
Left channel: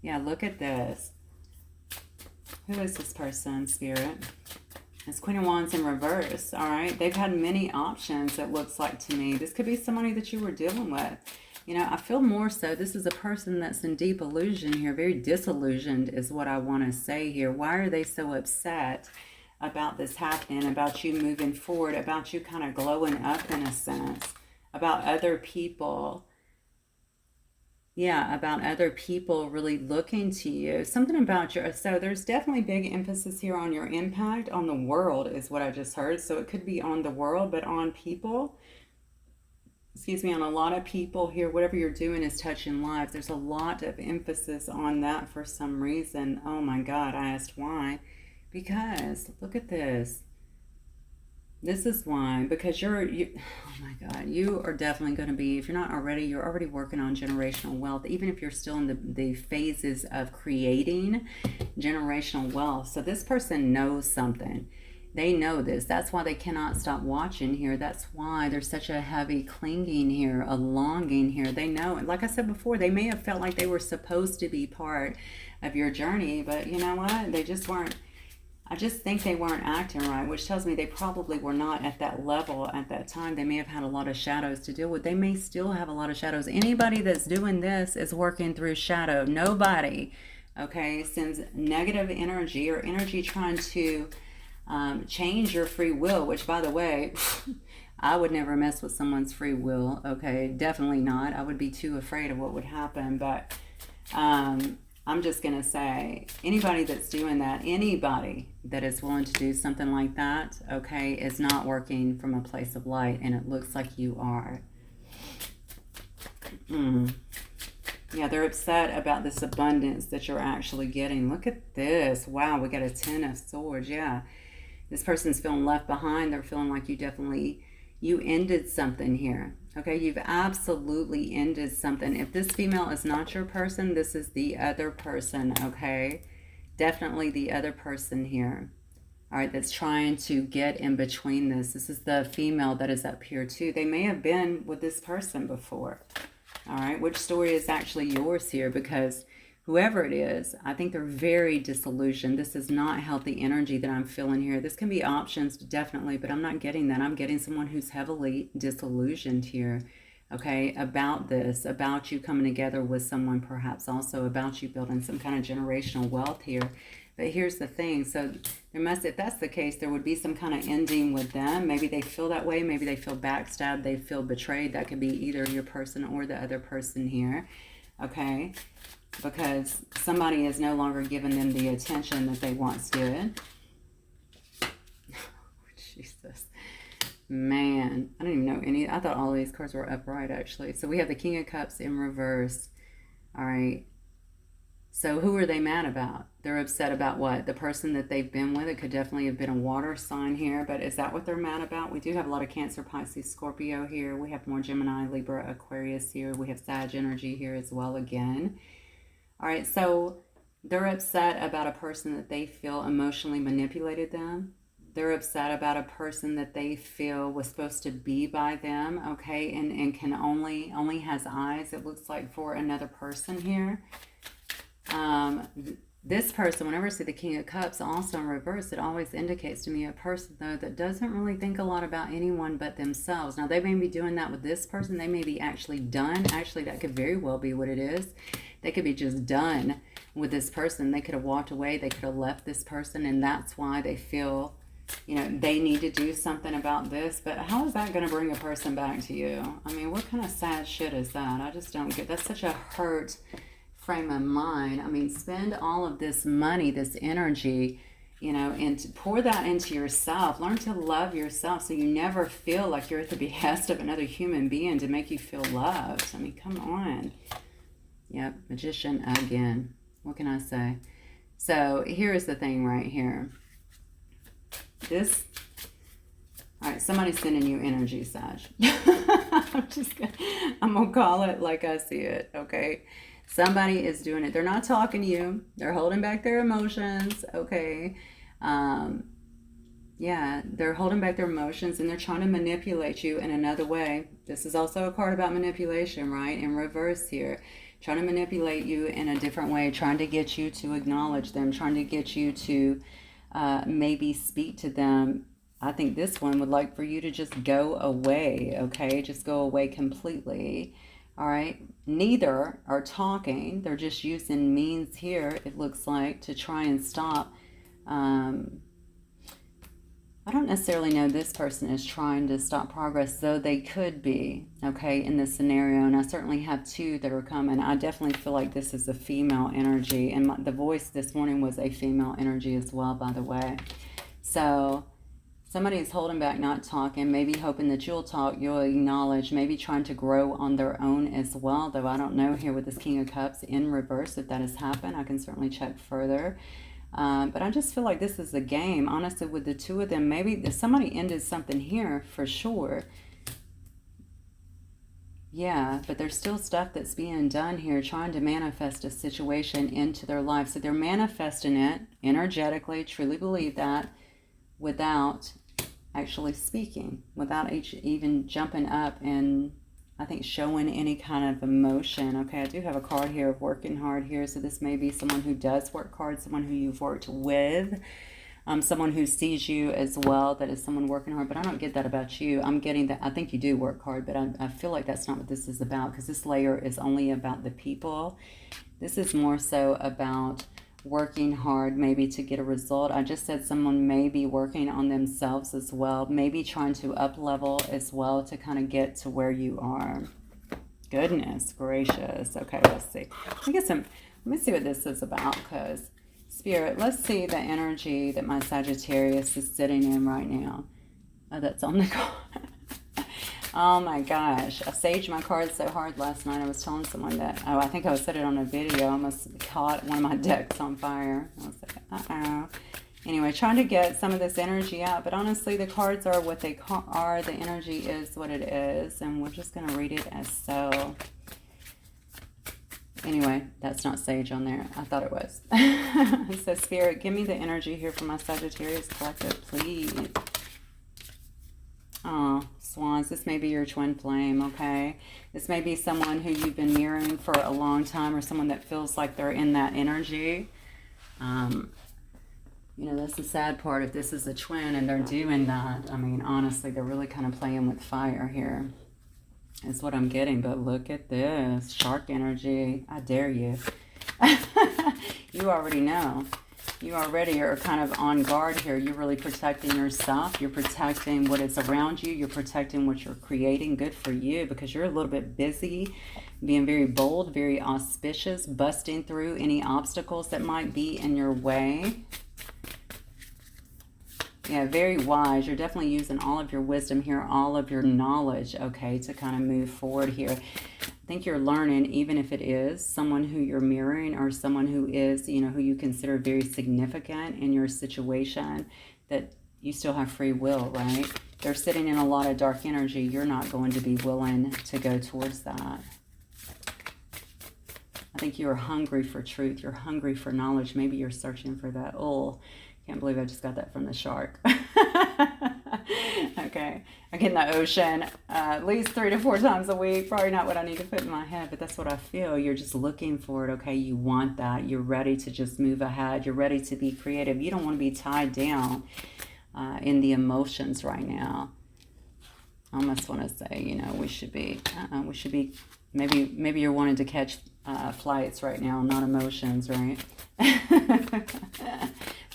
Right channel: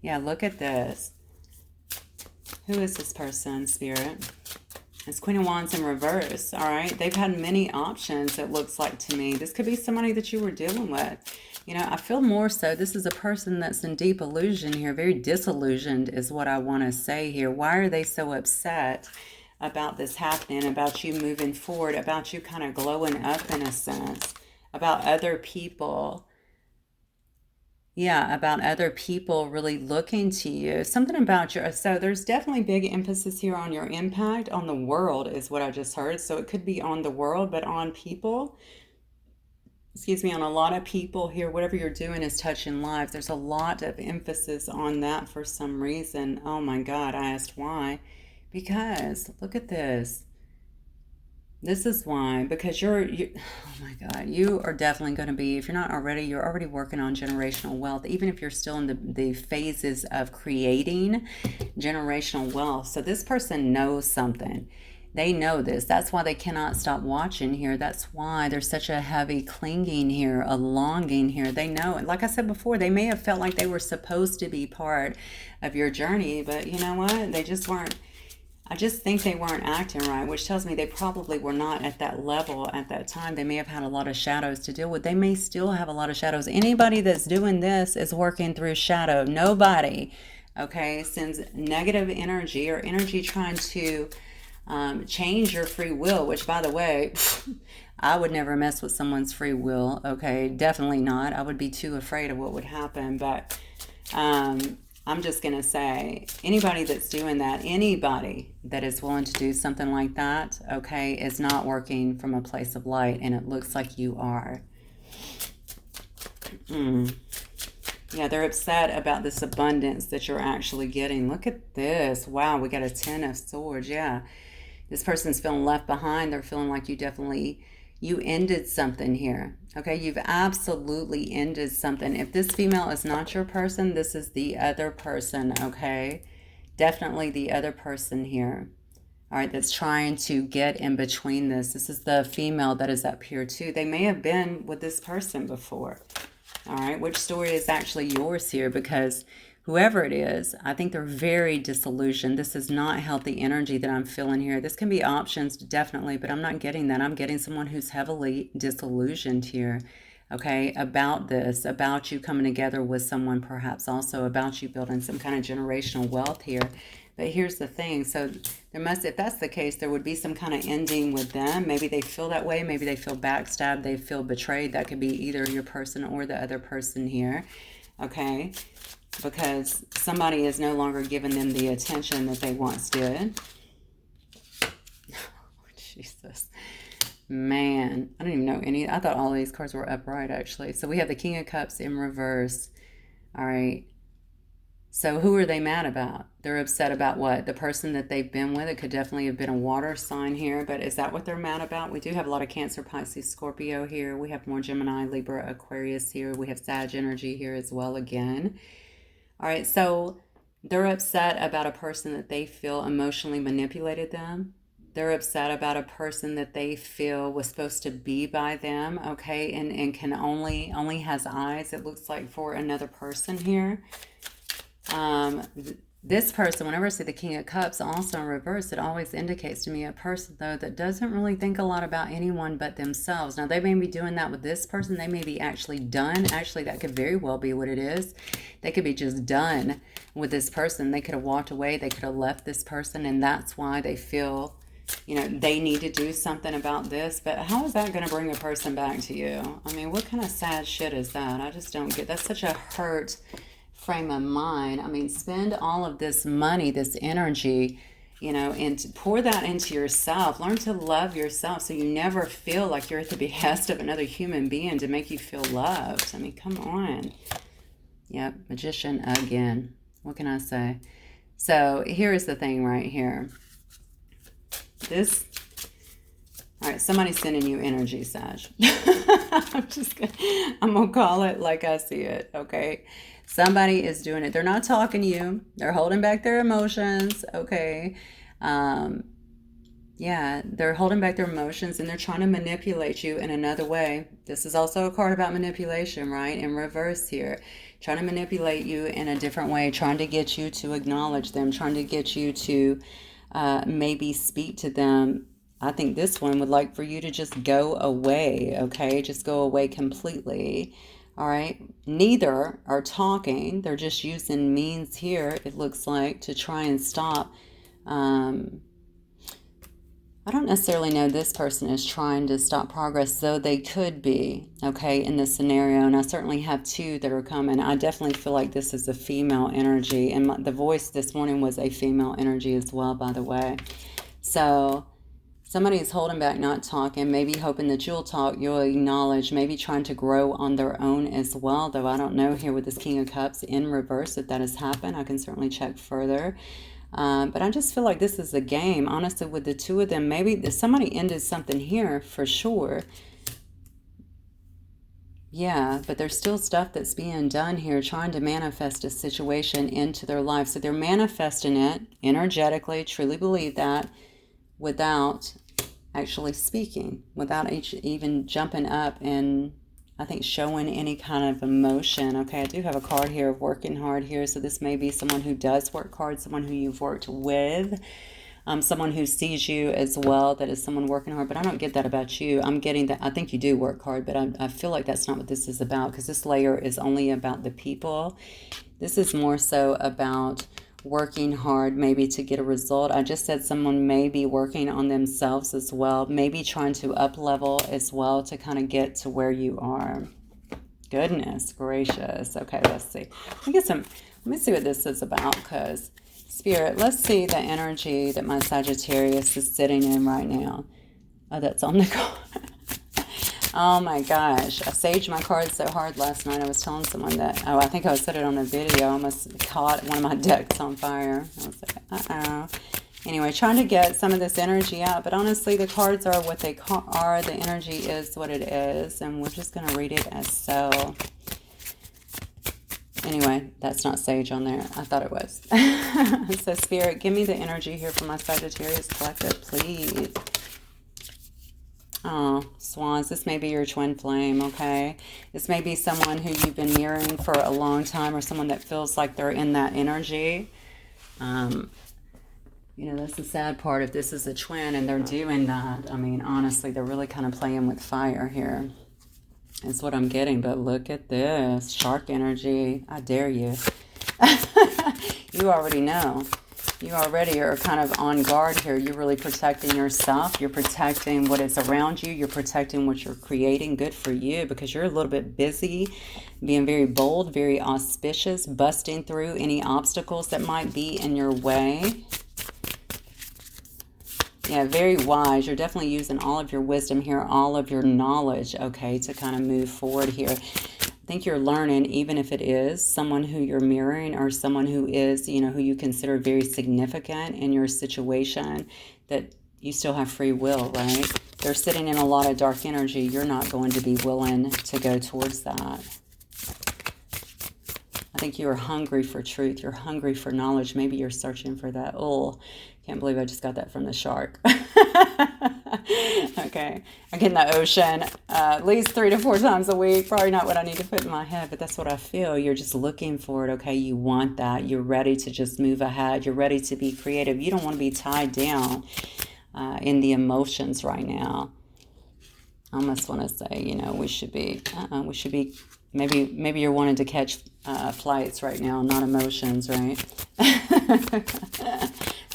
Yeah, look at this. Who is this person, Spirit? It's Queen of Wands in reverse, all right? They've had many options, it looks like to me. This could be somebody that you were dealing with. You know, I feel more so this is a person that's in deep illusion here, very disillusioned is what I want to say here. Why are they so upset about this happening, about you moving forward, about you kind of glowing up in a sense, about other people, Yeah, about other people really looking to you. Something about your, so there's definitely big emphasis here on your impact on the world, is what I just heard. So it could be on the world, but on people, excuse me, on a lot of people here. Whatever you're doing is touching lives. There's a lot of emphasis on that for some reason. Oh my God, I asked why. Because look at this. This is why, because oh my God, you are definitely going to be, if you're not already, you're already working on generational wealth, even if you're still in the phases of creating generational wealth. So this person knows something. They know this. That's why they cannot stop watching here. That's why there's such a heavy clinging here, a longing here. They know. And like I said before, they may have felt like they were supposed to be part of your journey, but you know what? They just weren't. I just think they weren't acting right, which tells me they probably were not at that level at that time. They may have had a lot of shadows to deal with. They may still have a lot of shadows. Anybody that's doing this is working through shadow. Nobody, okay, sends negative energy or energy trying to change your free will, which, by the way, I would never mess with someone's free will, okay? Definitely not. I would be too afraid of what would happen, but I'm just going to say, anybody that's doing that, anybody that is willing to do something like that, okay, is not working from a place of light, and it looks like you are. Yeah, they're upset about this abundance that you're actually getting. Look at this. Wow, we got a 10 of swords. Yeah. This person's feeling left behind. They're feeling like you ended something here. Okay, you've absolutely ended something. If this female is not your person, this is the other person, okay? Definitely the other person here. All right, that's trying to get in between this. This is the female that is up here too. They may have been with this person before. All right, which story is actually yours here? Because whoever it is, I think they're very disillusioned. This is not healthy energy that I'm feeling here. This can be options, definitely, but I'm not getting that. I'm getting someone who's heavily disillusioned here, okay, about this, about you coming together with someone, perhaps also about you building some kind of generational wealth here. But here's the thing. So there must, if that's the case, there would be some kind of ending with them. Maybe they feel that way. Maybe they feel backstabbed. They feel betrayed. That could be either your person or the other person here, okay? Because somebody is no longer giving them the attention that they once did. Jesus. Man, I don't even know any. I thought all these cards were upright, actually. So we have the King of Cups in reverse. All right. So who are they mad about? They're upset about what? The person that they've been with. It could definitely have been a water sign here, but is that what they're mad about? We do have a lot of Cancer, Pisces, Scorpio here. We have more Gemini, Libra, Aquarius here. We have Sag energy here as well again. All right, so they're upset about a person that they feel emotionally manipulated them. They're upset about a person that they feel was supposed to be by them, okay, and can only has eyes, it looks like, for another person here. This person, whenever I see the King of Cups also in reverse, it always indicates to me a person, though, that doesn't really think a lot about anyone but themselves. Now, they may be doing that with this person. They may be actually done. Actually, that could very well be what it is. They could be just done with this person. They could have walked away. They could have left this person, and that's why they feel, you know, they need to do something about this. But how is that going to bring a person back to you? I mean, what kind of sad shit is that? I just don't get. That's such a hurt frame of mind. I mean, spend all of this money, this energy, you know, and to pour that into yourself. Learn to love yourself so you never feel like you're at the behest of another human being to make you feel loved. I mean, come on. Yep, Magician again. What can I say? So here is the thing right here. This, all right, somebody's sending you energy, Sag. I'm gonna call it like I see it, okay? Somebody is doing it. They're not talking to you. They're holding back their emotions, okay? Yeah, they're holding back their emotions and they're trying to manipulate you in another way. This is also a card about manipulation, right? In reverse here. Trying to manipulate you in a different way, trying to get you to acknowledge them, trying to get you to maybe speak to them. I think this one would like for you to just go away, okay? Just go away completely. All right, neither are talking. They're just using means here, it looks like, to try and stop. I don't necessarily know this person is trying to stop progress, though they could be, okay, in this scenario. And I certainly have two that are coming. I definitely feel like this is a female energy. And the voice this morning was a female energy as well, by the way. So somebody is holding back, not talking, maybe hoping that you'll talk, you'll acknowledge, maybe trying to grow on their own as well, though I don't know here with this King of Cups in reverse if that has happened. I can certainly check further. But I just feel like this is a game, honestly, with the two of them. Maybe somebody ended something here for sure. Yeah, but there's still stuff that's being done here, trying to manifest a situation into their life. So they're manifesting it energetically, truly believe that, without actually speaking, without even jumping up and, I think, showing any kind of emotion. Okay, I do have a card here of working hard here. So this may be someone who does work hard, someone who you've worked with, someone who sees you as well, that is someone working hard. But I don't get that about you. I'm getting that I think you do work hard, but I feel like that's not what this is about, because this layer is only about the people. This is more so about working hard, maybe to get a result. I just said someone may be working on themselves as well, maybe trying to up level as well to kind of get to where you are. Goodness gracious. Okay, let's see. Let me see what this is about, because Spirit, let's see the energy that my Sagittarius is sitting in right now. Oh, that's on the card. Oh my gosh, I saged my cards so hard last night. I was telling someone that, I think I said it on a video. I almost caught one of my decks on fire. I was like, uh-oh. Anyway, trying to get some of this energy out, but honestly, the cards are what they are. The energy is what it is, and we're just going to read it as so. Anyway, that's not sage on there. I thought it was. So, Spirit, give me the energy here for my Sagittarius collective, please. Oh, swans, this may be your twin flame, okay? This may be someone who you've been mirroring for a long time, or someone that feels like they're in that energy. You know, that's the sad part. If this is a twin and they're doing that, I mean, honestly, they're really kind of playing with fire here. Is what I'm getting. But look at this. Shark energy. I dare you. You already know. You already are kind of on guard here. You're really protecting yourself. You're protecting what is around you. You're protecting what you're creating. Good for you, because you're a little bit busy being very bold, very auspicious, busting through any obstacles that might be in your way. Yeah, very wise. You're definitely using all of your wisdom here, all of your knowledge, okay, to kind of move forward here. I think you're learning, even if it is someone who you're mirroring, or someone who is, you know, who you consider very significant in your situation, that you still have free will, right? They're sitting in a lot of dark energy. You're not going to be willing to go towards that. I think you are hungry for truth. You're hungry for knowledge. Maybe you're searching for that. Oh, can't believe I just got that from the shark. Okay. I get in the ocean at least 3 to 4 times a week. Probably not what I need to put in my head, but that's what I feel. You're just looking for it, okay? You want that. You're ready to just move ahead. You're ready to be creative. You don't want to be tied down in the emotions right now. I almost want to say, you know, we should be, maybe you're wanting to catch flights right now, not emotions, right?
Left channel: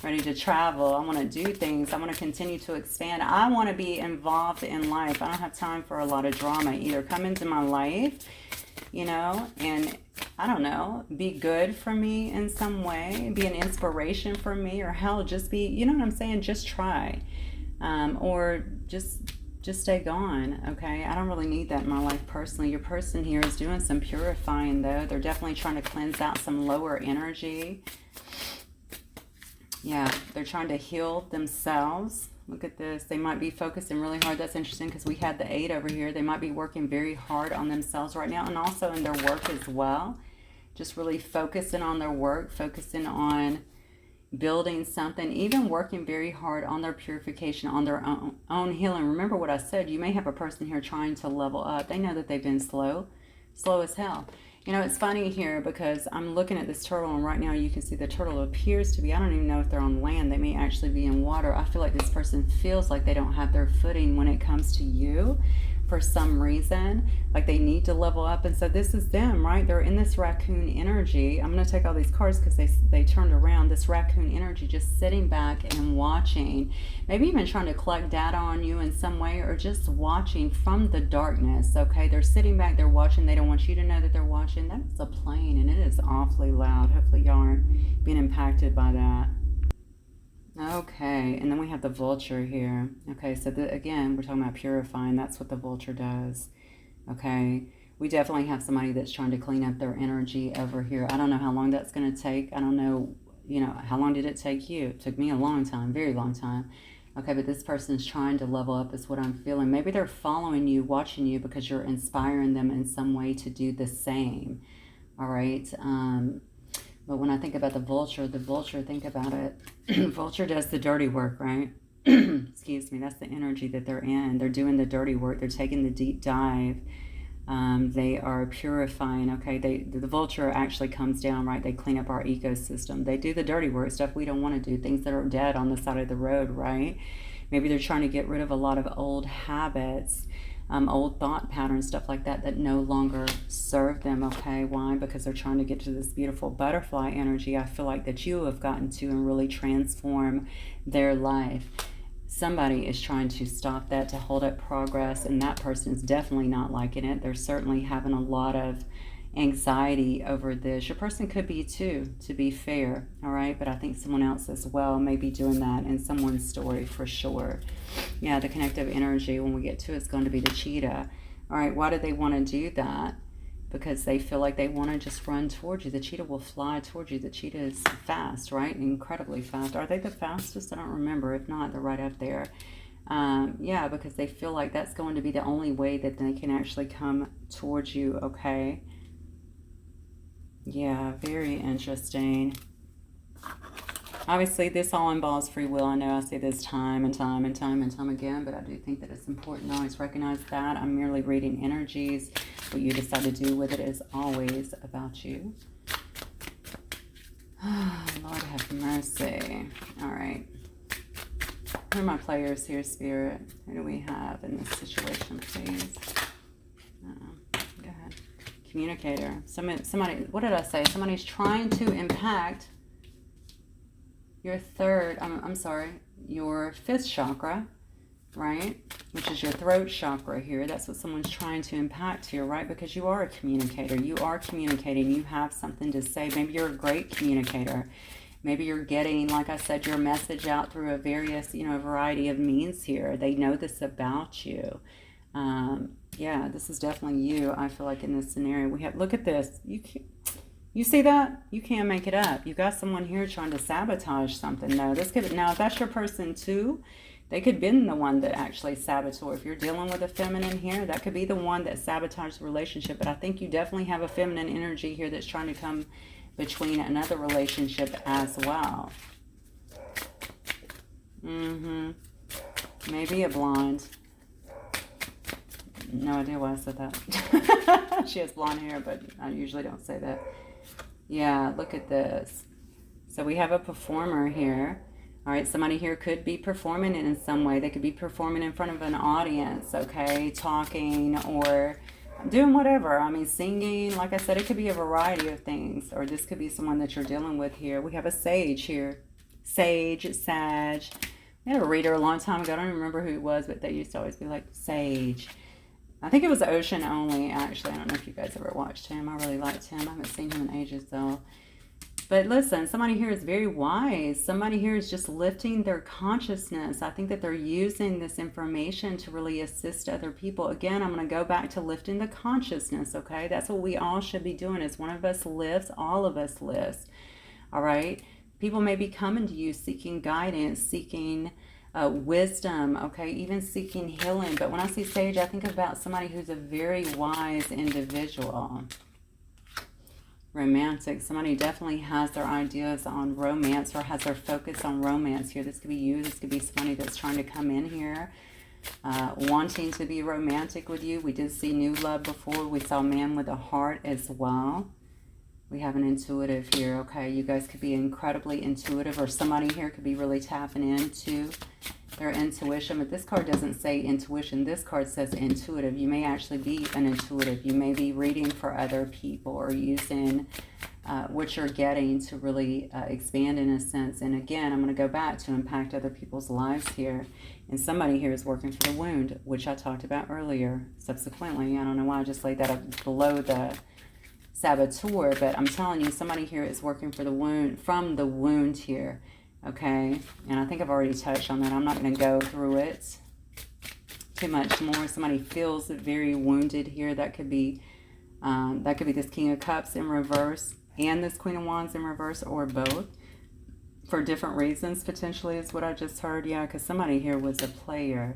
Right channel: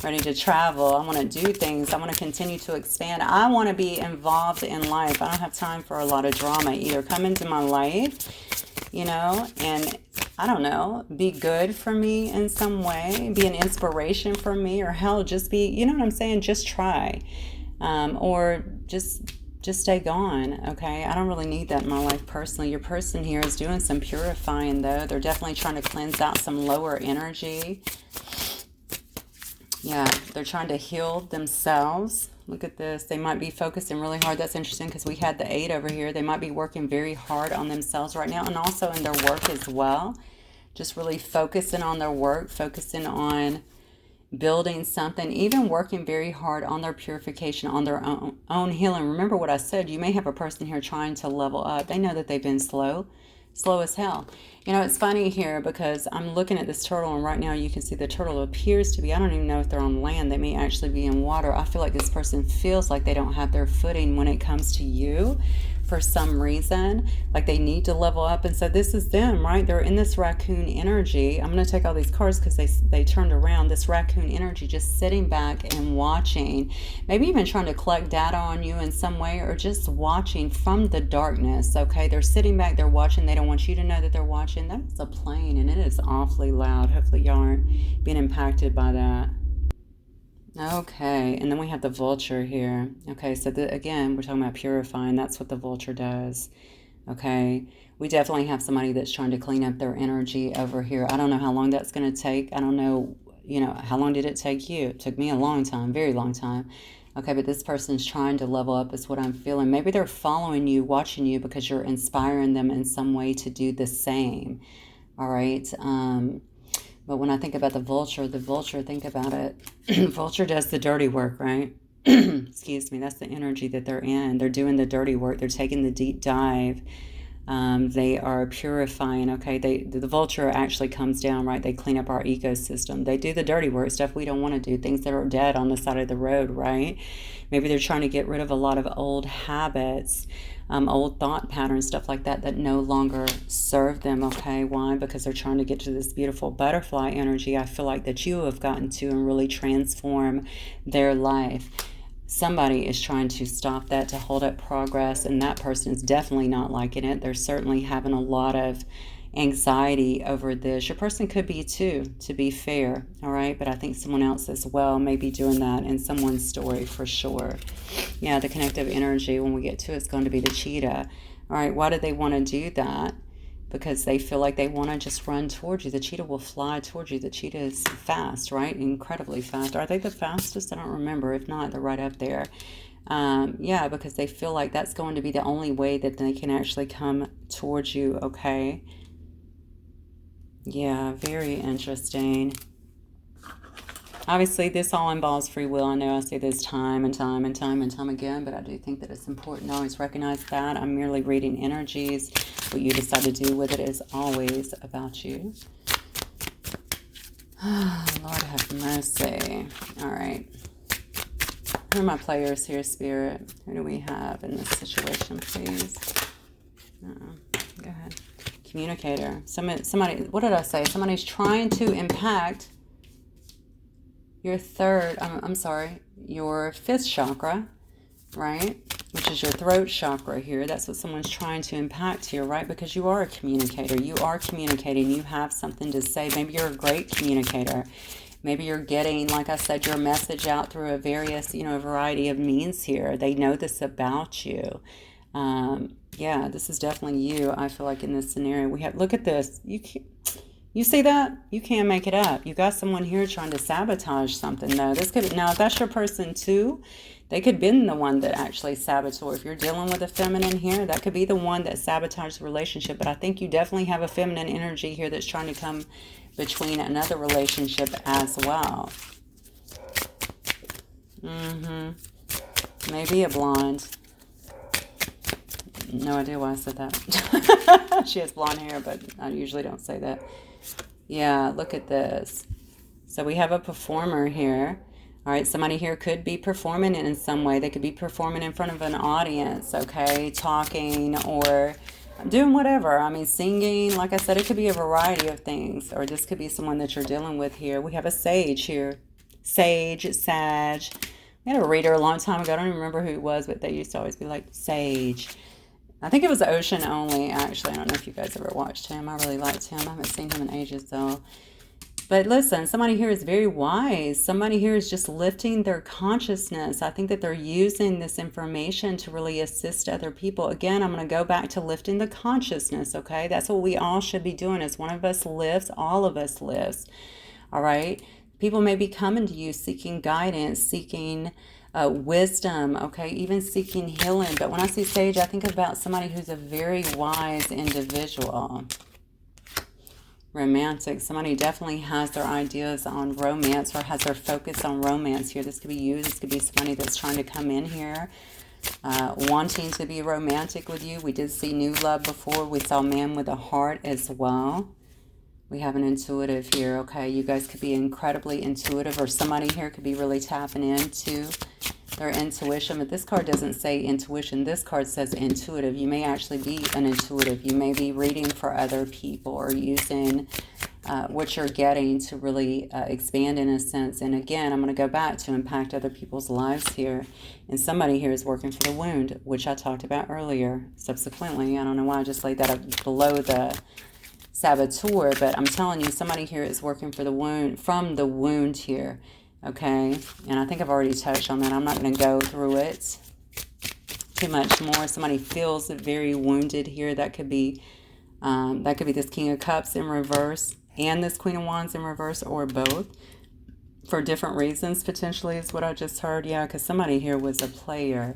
Ready to travel. I want to do things. I want to continue to expand. I want to be involved in life. I don't have time for a lot of drama either. Come into my life, you know, and I don't know, be good for me in some way, be an inspiration for me, or hell, just be, you know what I'm saying? Just try, or just stay gone, okay? I don't really need that in my life personally. Your person here is doing some purifying, though. They're definitely trying to cleanse out some lower energy. Yeah, they're trying to heal themselves. Look at this. They might be focusing really hard. That's interesting, because we had the 8 over here. They might be working very hard on themselves right now, and also in their work as well. Just really focusing on their work, focusing on building something, even working very hard on their purification, on their own healing. Remember what I said. You may have a person here trying to level up. They know that they've been slow as hell. You know, it's funny here, because I'm looking at this turtle, and right now you can see the turtle appears to be, I don't even know if they're on land. They may actually be in water. I feel like this person feels like they don't have their footing when it comes to you. for some reason, like they need to level up. And so this is them, right? They're in this raccoon energy. I'm going to take all these cards because they turned around. This raccoon energy, just sitting back and watching, maybe even trying to collect data on you in some way, or just watching from the darkness. Okay, they're sitting back, they're watching. They don't want you to know that they're watching. That's a plane, and it is awfully loud. Hopefully y'all aren't being impacted by that. Okay, and then we have the vulture here. Okay, so again, we're talking about purifying. That's what the vulture does. Okay, we definitely have somebody that's trying to clean up their energy over here. I don't know how long that's going to take. I don't know, how long did it take you? It took me a long time, very long time. Okay, but this person's trying to level up is what I'm feeling. Maybe they're following you, watching you because you're inspiring them in some way to do the same. All right. But when I think about the vulture, think about it. Vulture does the dirty work, right? Excuse me. That's the energy that they're in. They're doing the dirty work. They're taking the deep dive. They are purifying, okay? The vulture actually comes down, right? They clean up our ecosystem. They do the dirty work, stuff we don't want to do, things that are dead on the side of the road, right? Maybe they're trying to get rid of a lot of old habits, old thought patterns, stuff like that, that no longer serve them, okay? Why? Because they're trying to get to this beautiful butterfly energy I feel like that you have gotten to and really transform their life. Somebody is trying to stop that, to hold up progress, and that person is definitely not liking it. They're certainly having a lot of anxiety over this. Your person could be too, to be fair, all right? But I think someone else as well may be doing that in someone's story for sure. Yeah, the connective energy, when we get to it's going to be the cheetah. All right, why do they want to do that? Because they feel like they want to just run towards you. The cheetah will fly towards you. The cheetah is fast, right? Incredibly fast. Are they the fastest? I don't remember. If not, they're right up there. Yeah, because they feel like that's going to be the only way that they can actually come towards you, okay? Yeah, very interesting. Obviously, this all involves free will. I know I say this time and time and time and time again, but I do think that it's important to always recognize that. I'm merely reading energies. What you decide to do with it is always about you. Lord have mercy. All right. Who are my players here, Spirit? Who do we have in this situation, please? Go ahead. Communicator. Somebody, what did I say? Somebody's trying to impact your your fifth chakra, right? Which is your throat chakra here. That's what someone's trying to impact here, right? Because you are a communicator. You are communicating. You have something to say. Maybe you're a great communicator. Maybe you're getting, like I said, your message out through a variety of means here. They know this about you. Yeah, this is definitely you, I feel like, in this scenario. Look at this. You see that? You can't make it up. You got someone here trying to sabotage something, though. Now, if that's your person, too, they could have been the one that actually sabotaged. If you're dealing with a feminine here, that could be the one that sabotaged the relationship. But I think you definitely have a feminine energy here that's trying to come between another relationship as well. Maybe a blonde. No idea why I said that. She has blonde hair, but I usually don't say that. Yeah, look at this. So we have a performer here. All right, somebody here could be performing in some way. They could be performing in front of an audience, okay, talking or doing whatever. I mean, singing. Like I said, it could be a variety of things. Or this could be someone that you're dealing with here. We have a sage here. Sage, Sag. I had a reader a long time ago. I don't even remember who it was, but they used to always be like, Sage. I think it was Ocean Only, actually. I don't know if you guys ever watched him. I really liked him. I haven't seen him in ages, though. But listen, somebody here is very wise. Somebody here is just lifting their consciousness. I think that they're using this information to really assist other people. Again, I'm going to go back to lifting the consciousness, okay? That's what we all should be doing. As one of us lifts, all of us lifts, all right? People may be coming to you seeking guidance, seeking wisdom, okay, even seeking healing. But when I see Sage, I think about somebody who's a very wise individual. Romantic. Somebody definitely has their ideas on romance or has their focus on romance here. This could be you. This could be somebody that's trying to come in here wanting to be romantic with you. We did see new love before. We saw man with a heart as well. We have an intuitive here, okay? You guys could be incredibly intuitive, or somebody here could be really tapping into Their intuition, but this card doesn't say intuition. This card says intuitive. You may actually be an intuitive. You may be reading for other people or using what you're getting to really expand in a sense. And again, I'm going to go back to impact other people's lives here. And somebody here is working for the wound, which I talked about earlier. Subsequently, I don't know why I just laid that up below the saboteur, but I'm telling you, somebody here is working for the wound, from the wound here. Okay, and I think I've already touched on that. I'm not going to go through it too much more. Somebody feels very wounded here. That could be this King of Cups in reverse and this Queen of Wands in reverse, or both, for different reasons potentially, is what I just heard. Yeah, because somebody here was a player.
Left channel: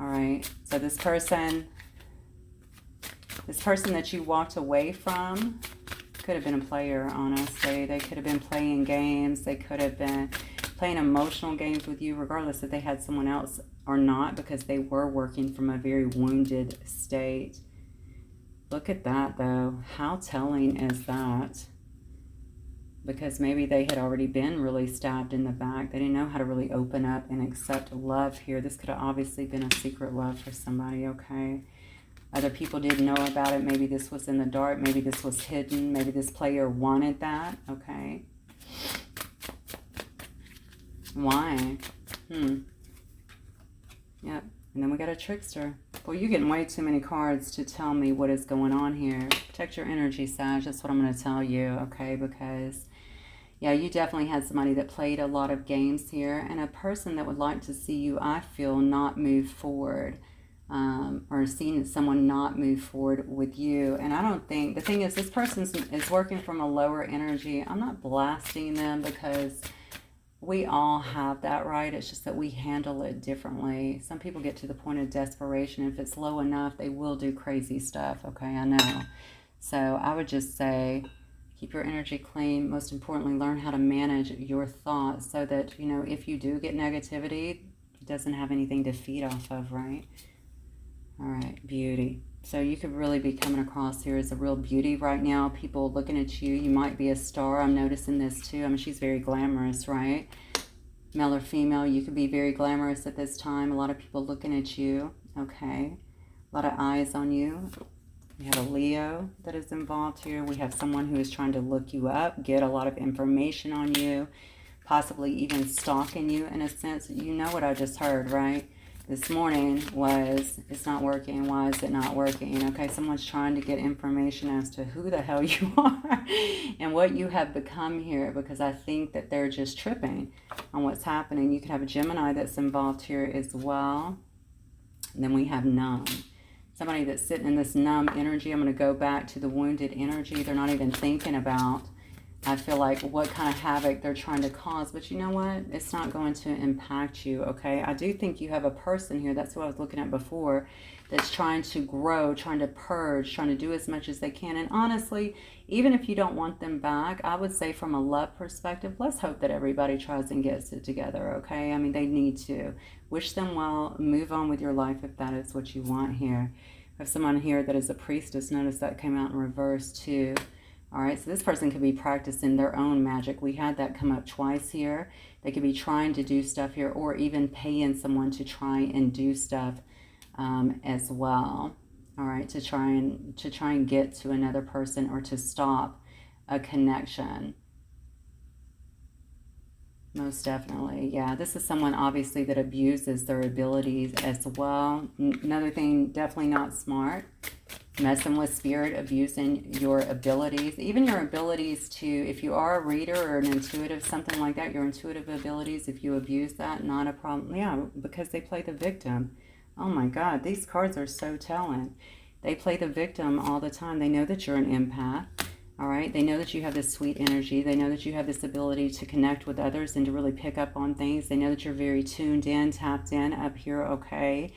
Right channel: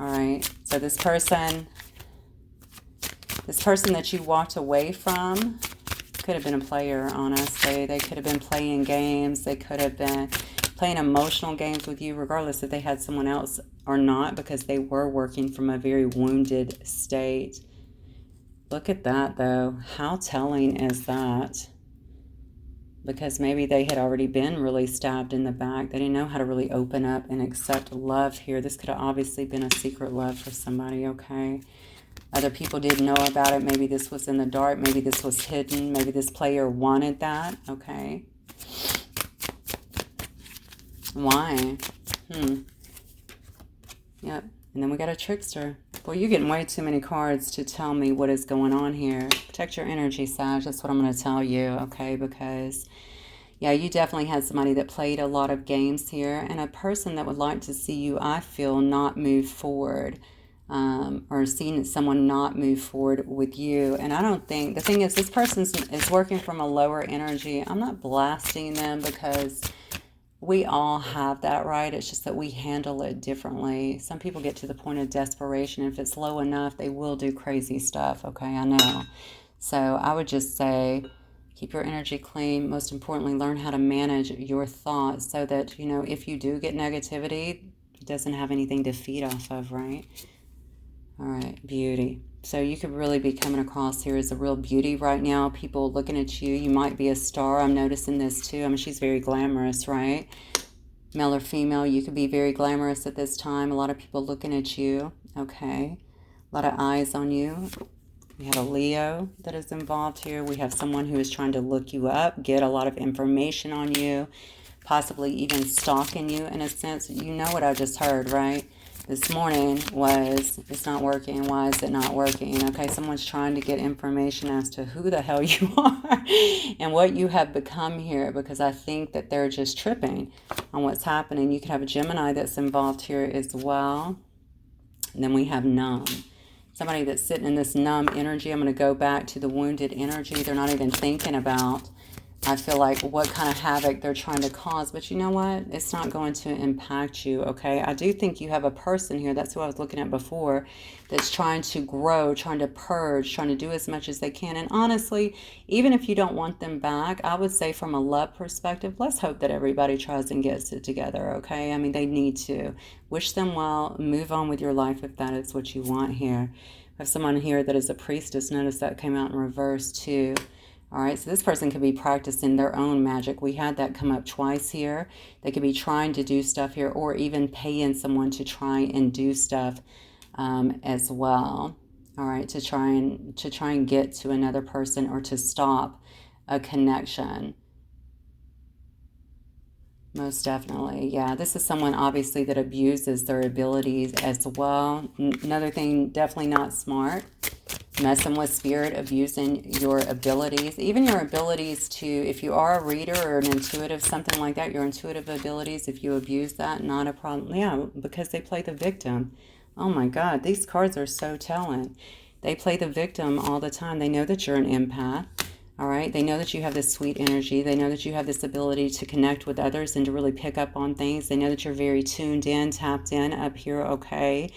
All right, so this person that you walked away from could have been a player, honestly. They could have been playing games. They could have been playing emotional games with you, regardless if they had someone else or not, because they were working from a very wounded state. Look at that, though. How telling is that? Because maybe they had already been really stabbed in the back. They didn't know how to really open up and accept love here. This could have obviously been a secret love for somebody, okay? Other people didn't know about it. Maybe this was in the dark. Maybe this was hidden. Maybe this player wanted that. Okay. Why? Yep. And then we got a trickster. Well, you're getting way too many cards to tell me what is going on here. Protect your energy, Sag. That's what I'm going to tell you, okay? Because, yeah, you definitely had somebody that played a lot of games here. And a person that would like to see you, I feel, not move forward. Or seeing someone not move forward with you. And I don't think, the thing is, this person is working from a lower energy. I'm not blasting them, because we all have that, right? It's just that we handle it differently. Some people get to the point of desperation. If it's low enough, they will do crazy stuff, okay? I know. So I would just say, keep your energy clean. Most importantly, learn how to manage your thoughts so that, you know, if you do get negativity, it doesn't have anything to feed off of, right? All right, beauty. So you could really be coming across here as a real beauty right now. People looking at you. You might be a star. I'm noticing this too. I mean, she's very glamorous, right? Male or female, you could be very glamorous at this time. A lot of people looking at you. Okay. A lot of eyes on you. We have a Leo that is involved here. We have someone who is trying to look you up, get a lot of information on you, possibly even stalking you in a sense. You know what I just heard, right? This morning was, it's not working. Why is it not working? Okay, someone's trying to get information as to who the hell you are and what you have become here, because I think that they're just tripping on what's happening. You could have a Gemini that's involved here as well. And then we have numb. Somebody that's sitting in this numb energy. I'm going to go back to the wounded energy. They're not even thinking about, I feel like, what kind of havoc they're trying to cause. But you know what? It's not going to impact you, okay? I do think you have a person here, that's who I was looking at before, that's trying to grow, trying to purge, trying to do as much as they can. And honestly, even if you don't want them back, I would say from a love perspective, let's hope that everybody tries and gets it together, okay? I mean, they need to. Wish them well. Move on with your life if that is what you want here. I have someone here that is a priestess. Notice that came out in reverse too. All right, so this person could be practicing their own magic. We had that come up twice here. They could be trying to do stuff here, or even paying someone to try and do stuff as well. All right, to try and get to another person or to stop a connection. Most definitely, yeah. This is someone obviously that abuses their abilities as well. Another thing, definitely not smart. Messing with spirit, abusing your abilities, even your abilities to, if you are a reader or an intuitive, something like that, your intuitive abilities, if you abuse that, not a problem. Yeah, because they play the victim. Oh my God, these cards are so telling. They play the victim all the time. They know that you're an empath. All right, they know that you have this sweet energy. They know that you have this ability to connect with others and to really pick up on things. They know that you're very tuned in, tapped in up here, okay?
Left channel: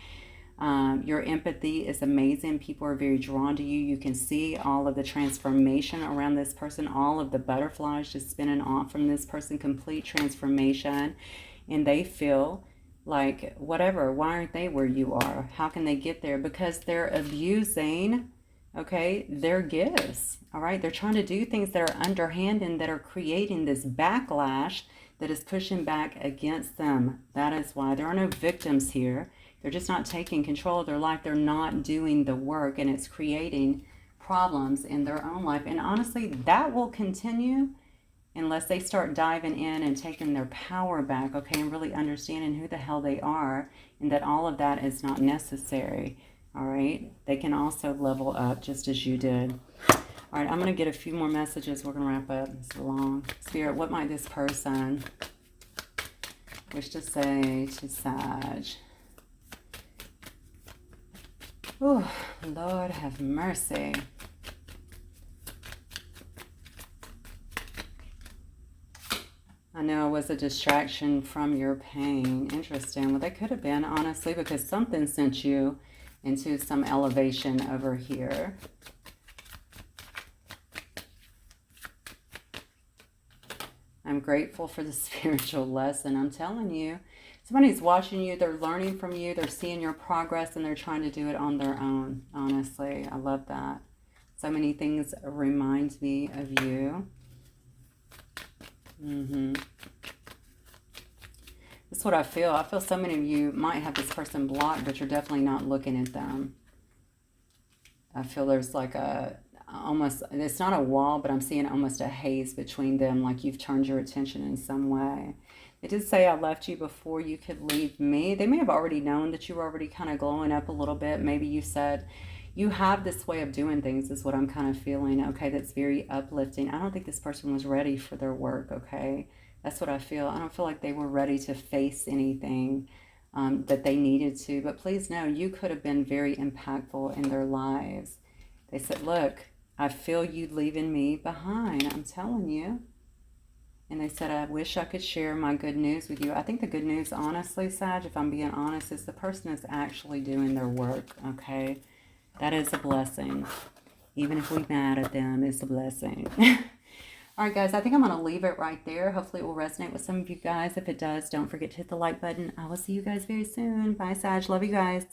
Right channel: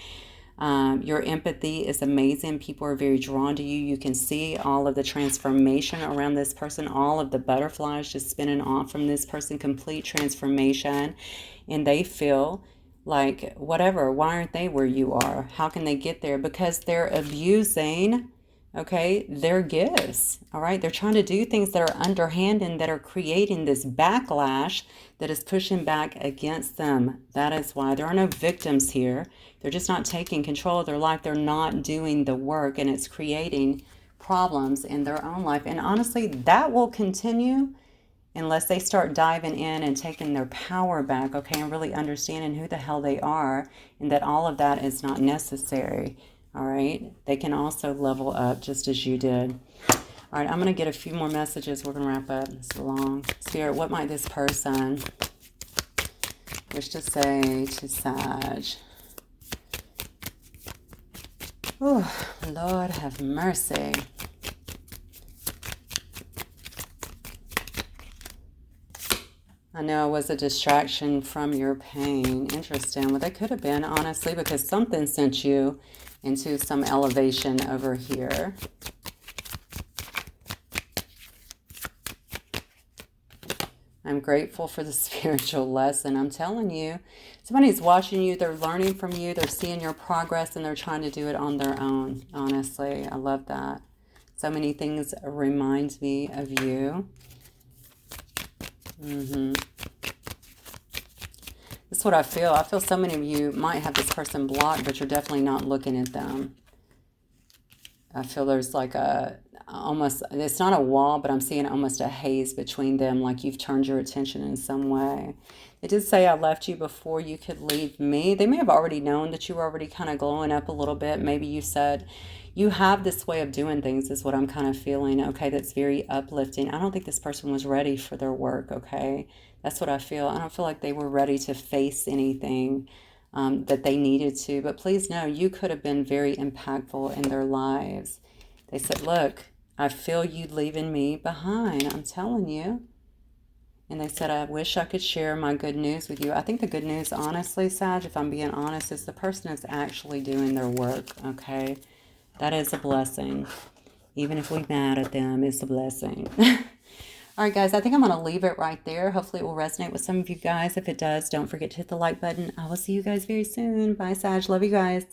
Your empathy is amazing. People are very drawn to you. You can see all of the transformation around this person, all of the butterflies just spinning off from this person, complete transformation. And they feel like, whatever, why aren't they where you are? How can they get there? Because they're abusing, okay, their gifts. All right, they're trying to do things that are underhand and that are creating this backlash that is pushing back against them. That is why there are no victims here. They're just not taking control of their life. They're not doing the work, and it's creating problems in their own life. And honestly, that will continue unless they start diving in and taking their power back, okay, and really understanding who the hell they are and that all of that is not necessary. All right, they can also level up just as you did. All right, I'm going to get a few more messages. We're going to wrap up. It's long. Spirit, what might this person wish to say to Sag? Oh, Lord have mercy. I know it was a distraction from your pain. Interesting. Well, that could have been, honestly, because something sent you into some elevation over here. I'm grateful for the spiritual lesson. I'm telling you, somebody's watching you. They're learning from you. They're seeing your progress, and they're trying to do it on their own. Honestly, I love that. So many things remind me of you. That's what I feel. I feel so many of you might have this person blocked, but you're definitely not looking at them. I feel there's like a, almost, it's not a wall, but I'm seeing almost a haze between them, like you've turned your attention in some way. It did say I left you before you could leave me. They may have already known that you were already kind of glowing up a little bit. Maybe you said, you have this way of doing things is what I'm kind of feeling, okay, that's very uplifting. I don't think this person was ready for their work, okay? That's what I feel. I don't feel like they were ready to face anything that they needed to. But please know, you could have been very impactful in their lives. They said, look, I feel you leaving me behind. I'm telling you. And they said, I wish I could share my good news with you. I think the good news, honestly, Sag, if I'm being honest, is the person is actually doing their work, okay? That is a blessing. Even if we're mad at them, it's a blessing. All right, guys, I think I'm going to leave it right there. Hopefully it will resonate with some of you guys. If it does, don't forget to hit the like button. I will see you guys very soon. Bye, Sag. Love you guys.